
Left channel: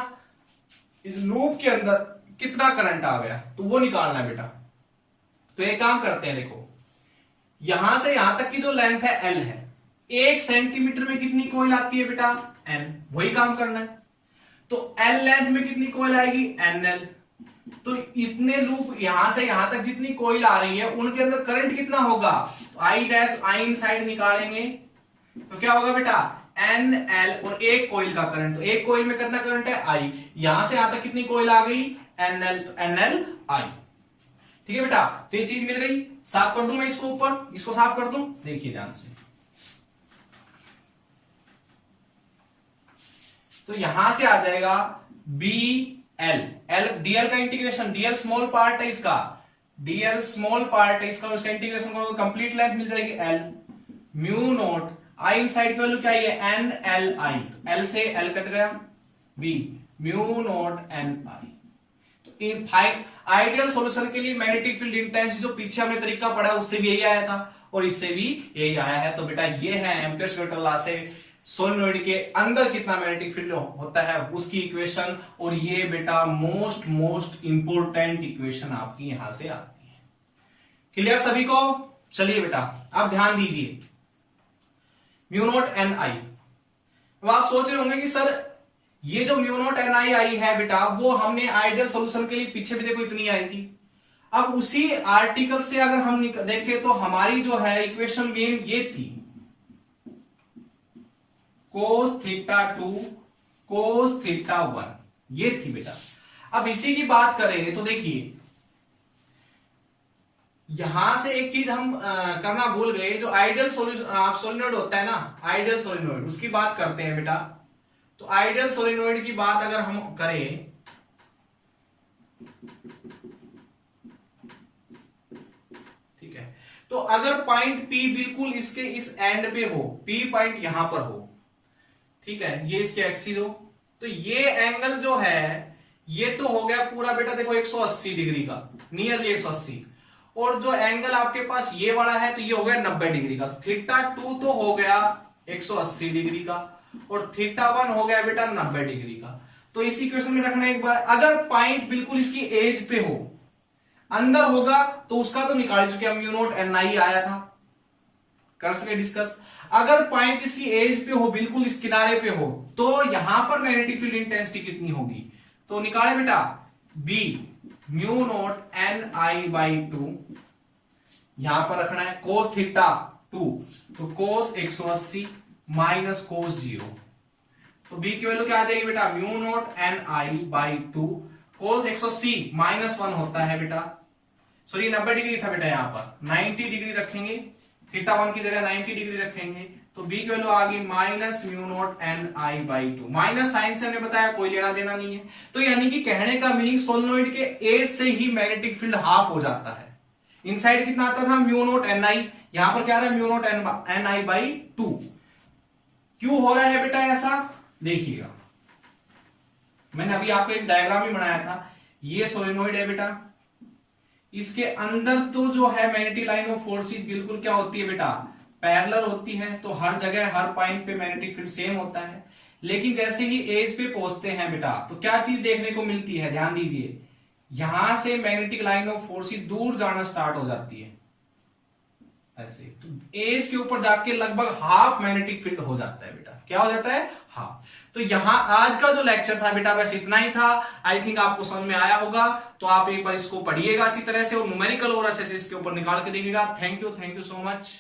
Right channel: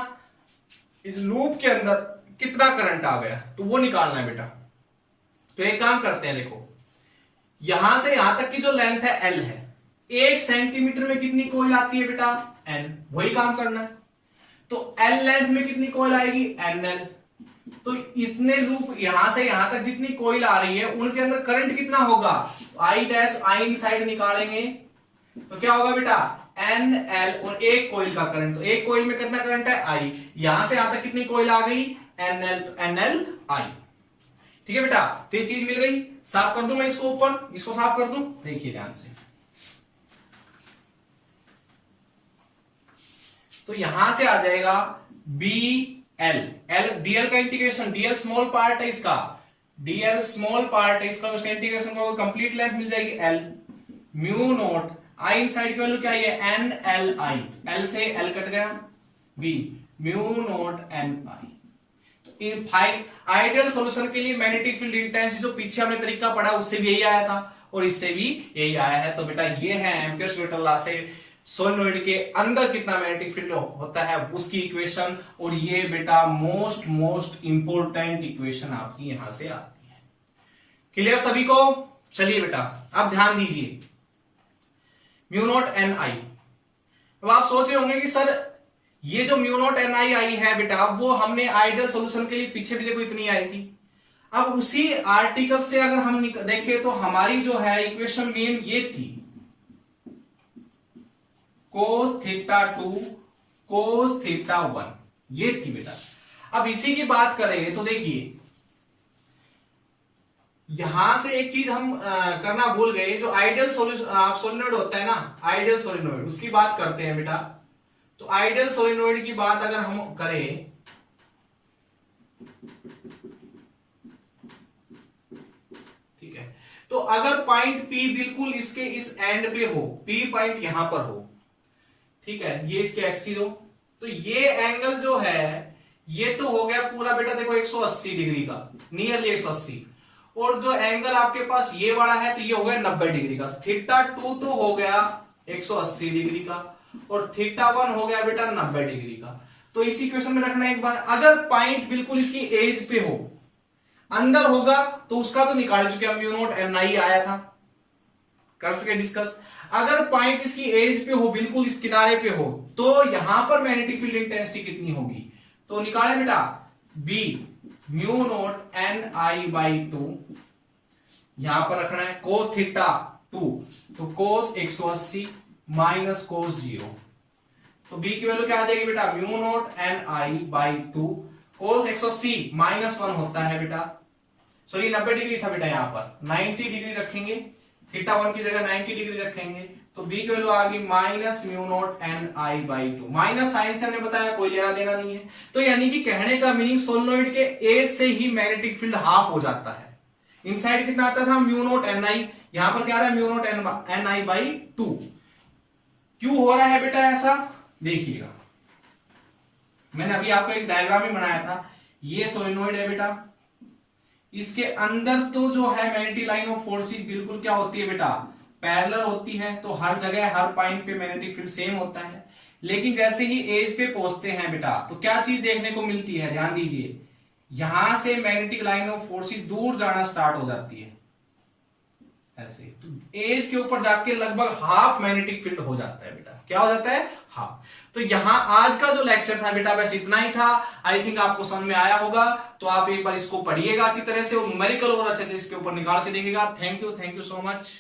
इस लूप के अंदर कितना करंट आ गया, तो वो निकालना है बेटा। तो एक काम करते हैं, देखो यहां से यहां तक की जो लेंथ है एल है, 1 सेंटीमीटर में कितनी कोइल आती है बेटा, एन, वही काम करना है। तो एल लेंथ में कितनी कोइल आएगी, एन एल। तो इतने लूप यहां से यहां तक जितनी कोइल आ रही है उनके अंदर करंट कितना होगा, आई डैश आई इनसाइड निकालेंगे, तो क्या होगा बेटा, NL और एक कॉइल का करंट, तो एक कॉइल में कितना करंट है I, यहां से यहां तक कितनी कॉइल आ गई NL, तो NLI। ठीक है बेटा, तो ये चीज मिल गई। साफ कर दूं मैं इसको, ऊपर इसको साफ कर दूं, देखिए ध्यान से। तो यहां से आ जाएगा BL, L DL का इंटीग्रेशन, DL स्मॉल पार्ट है इसका, DL स्मॉल पार्ट है इसका, उसका इंटीग्रेशन करो कंप्लीट लेंथ मिल जाएगी L mu naught I inside की वैल्यू क्या है NLI, L से L कट गया, B म्यू नोट NI। तो इन आइडियल सॉल्यूशन के लिए मैग्नेटिक फील्ड इंटेंसिटी जो पीछे हमने तरीका पढ़ा उससे भी यही आया था और इससे भी यही आया है। तो बेटा ये है एम्पियर्स वेक्टर लॉ से सोलेनोइड के अंदर कितना मैग्नेटिक फील्ड होता है उसकी इक्वेशन, और ये बेटा मोस्ट इंपोर्टेंट इक्वेशन आपकी यहां से आती है। क्लियर सभी को? चलिए बेटा अब ध्यान दीजिए, म्यू नॉट NI। अब आप सोच रहे होंगे कि सर ये जो म्यू नॉट NI आई है बेटा वो हमने आइडियल सॉल्यूशन के लिए पीछे भी देखो इतनी आई थी। अब उसी आर्टिकल से अगर हम देखें तो हमारी जो है इक्वेशन मेन ये थी, cos θ2 cos θ1, ये थी बेटा। अब इसी की बात करें तो देखिए यहां से एक चीज हम करना भूल गए, जो आइडियल सोलेनोइड होता है ना, आइडियल सोलेनोइड उसकी बात करते हैं बेटा। तो आइडियल सोलेनोइड की बात अगर हम करें ठीक है, तो अगर पॉइंट P बिल्कुल इसके इस एंड पे हो, P पॉइंट यहां पर हो, ठीक है, ये इसके एक्सिस हो, तो ये एंगल जो है ये तो हो गया पूरा बेटा देखो 180 डिग्री का, नियरली 180, और जो एंगल आपके पास ये वाला है तो ये हो गया 90 डिग्री का। θ2 तो हो गया 180 डिग्री का और θ1 हो गया बेटा 90 डिग्री का। तो इस इक्वेशन में रखना एक बार, अगर पॉइंट बिल्कुल इसकी एज पे हो, अंदर होगा तो उसका तो निकाल चुके हम, म्यू नॉट NI आया था, कर सके डिस्कस। अगर पॉइंट इसकी एज पे हो, बिल्कुल इस किनारे पे हो, तो यहां पर मैग्नेटिक फील्ड इंटेंसिटी कितनी होगी, तो निकाले बेटा B म्यू नॉट NI/2, यहां पर रखना है cos θ2, तो cos 180 माइनस cos 0, तो B की वैल्यू क्या आ जाएगी बेटा म्यू नॉट NI/2, cos 180 -1 होता है बेटा, सॉरी 90 डिग्री था बेटा, यहां पर 90 डिग्री रखेंगे, θ1 की जगह 90 डिग्री रखेंगे, तो B की वैल्यू आ गई minus mu naught NI/2, minus sign से हमने बताया कोई लेना देना नहीं है। तो यानी कि कहने का मीनिंग सोलेनोइड के एज से ही मैग्नेटिक फील्ड हाफ हो जाता है। इनसाइड कितना आता था म्यू नॉट NI, यहां पर क्या आ रहा है म्यू नॉट NI/2। क्यों हो रहा है बेटा ऐसा, देखिएगा मैंने अभी आपको एक डायग्राम ही बनाया था, ये सोलेनोइड है बेटा, इसके अंदर तो जो है मैग्नेटिक लाइन ऑफ फोर्सेस बिल्कुल क्या होती है बेटा पैरेलल होती है, तो हर जगह हर पॉइंट पे मैग्नेटिक फील्ड सेम होता है। लेकिन जैसे ही एज पे पहुंचते हैं बेटा तो क्या चीज देखने को मिलती है, ध्यान दीजिए, यहां से मैग्नेटिक लाइन ऑफ फोर्सेस दूर जाना स्टार्ट हो जाती है ऐसे, तो एज के ऊपर जाके लगभग हाफ मैग्नेटिक फील्ड हो जाता है बेटा, क्या हो जाता है हाफ। तो यहां आज का जो लेक्चर था बेटा बस इतना ही था, आई थिंक आपको समझ में आया होगा। तो आप एक बार इसको पढ़िएगा अच्छी तरह से और न्यूमेरिकल और अच्छे से इसके ऊपर निकाल के देखिएगा। Thank you so much.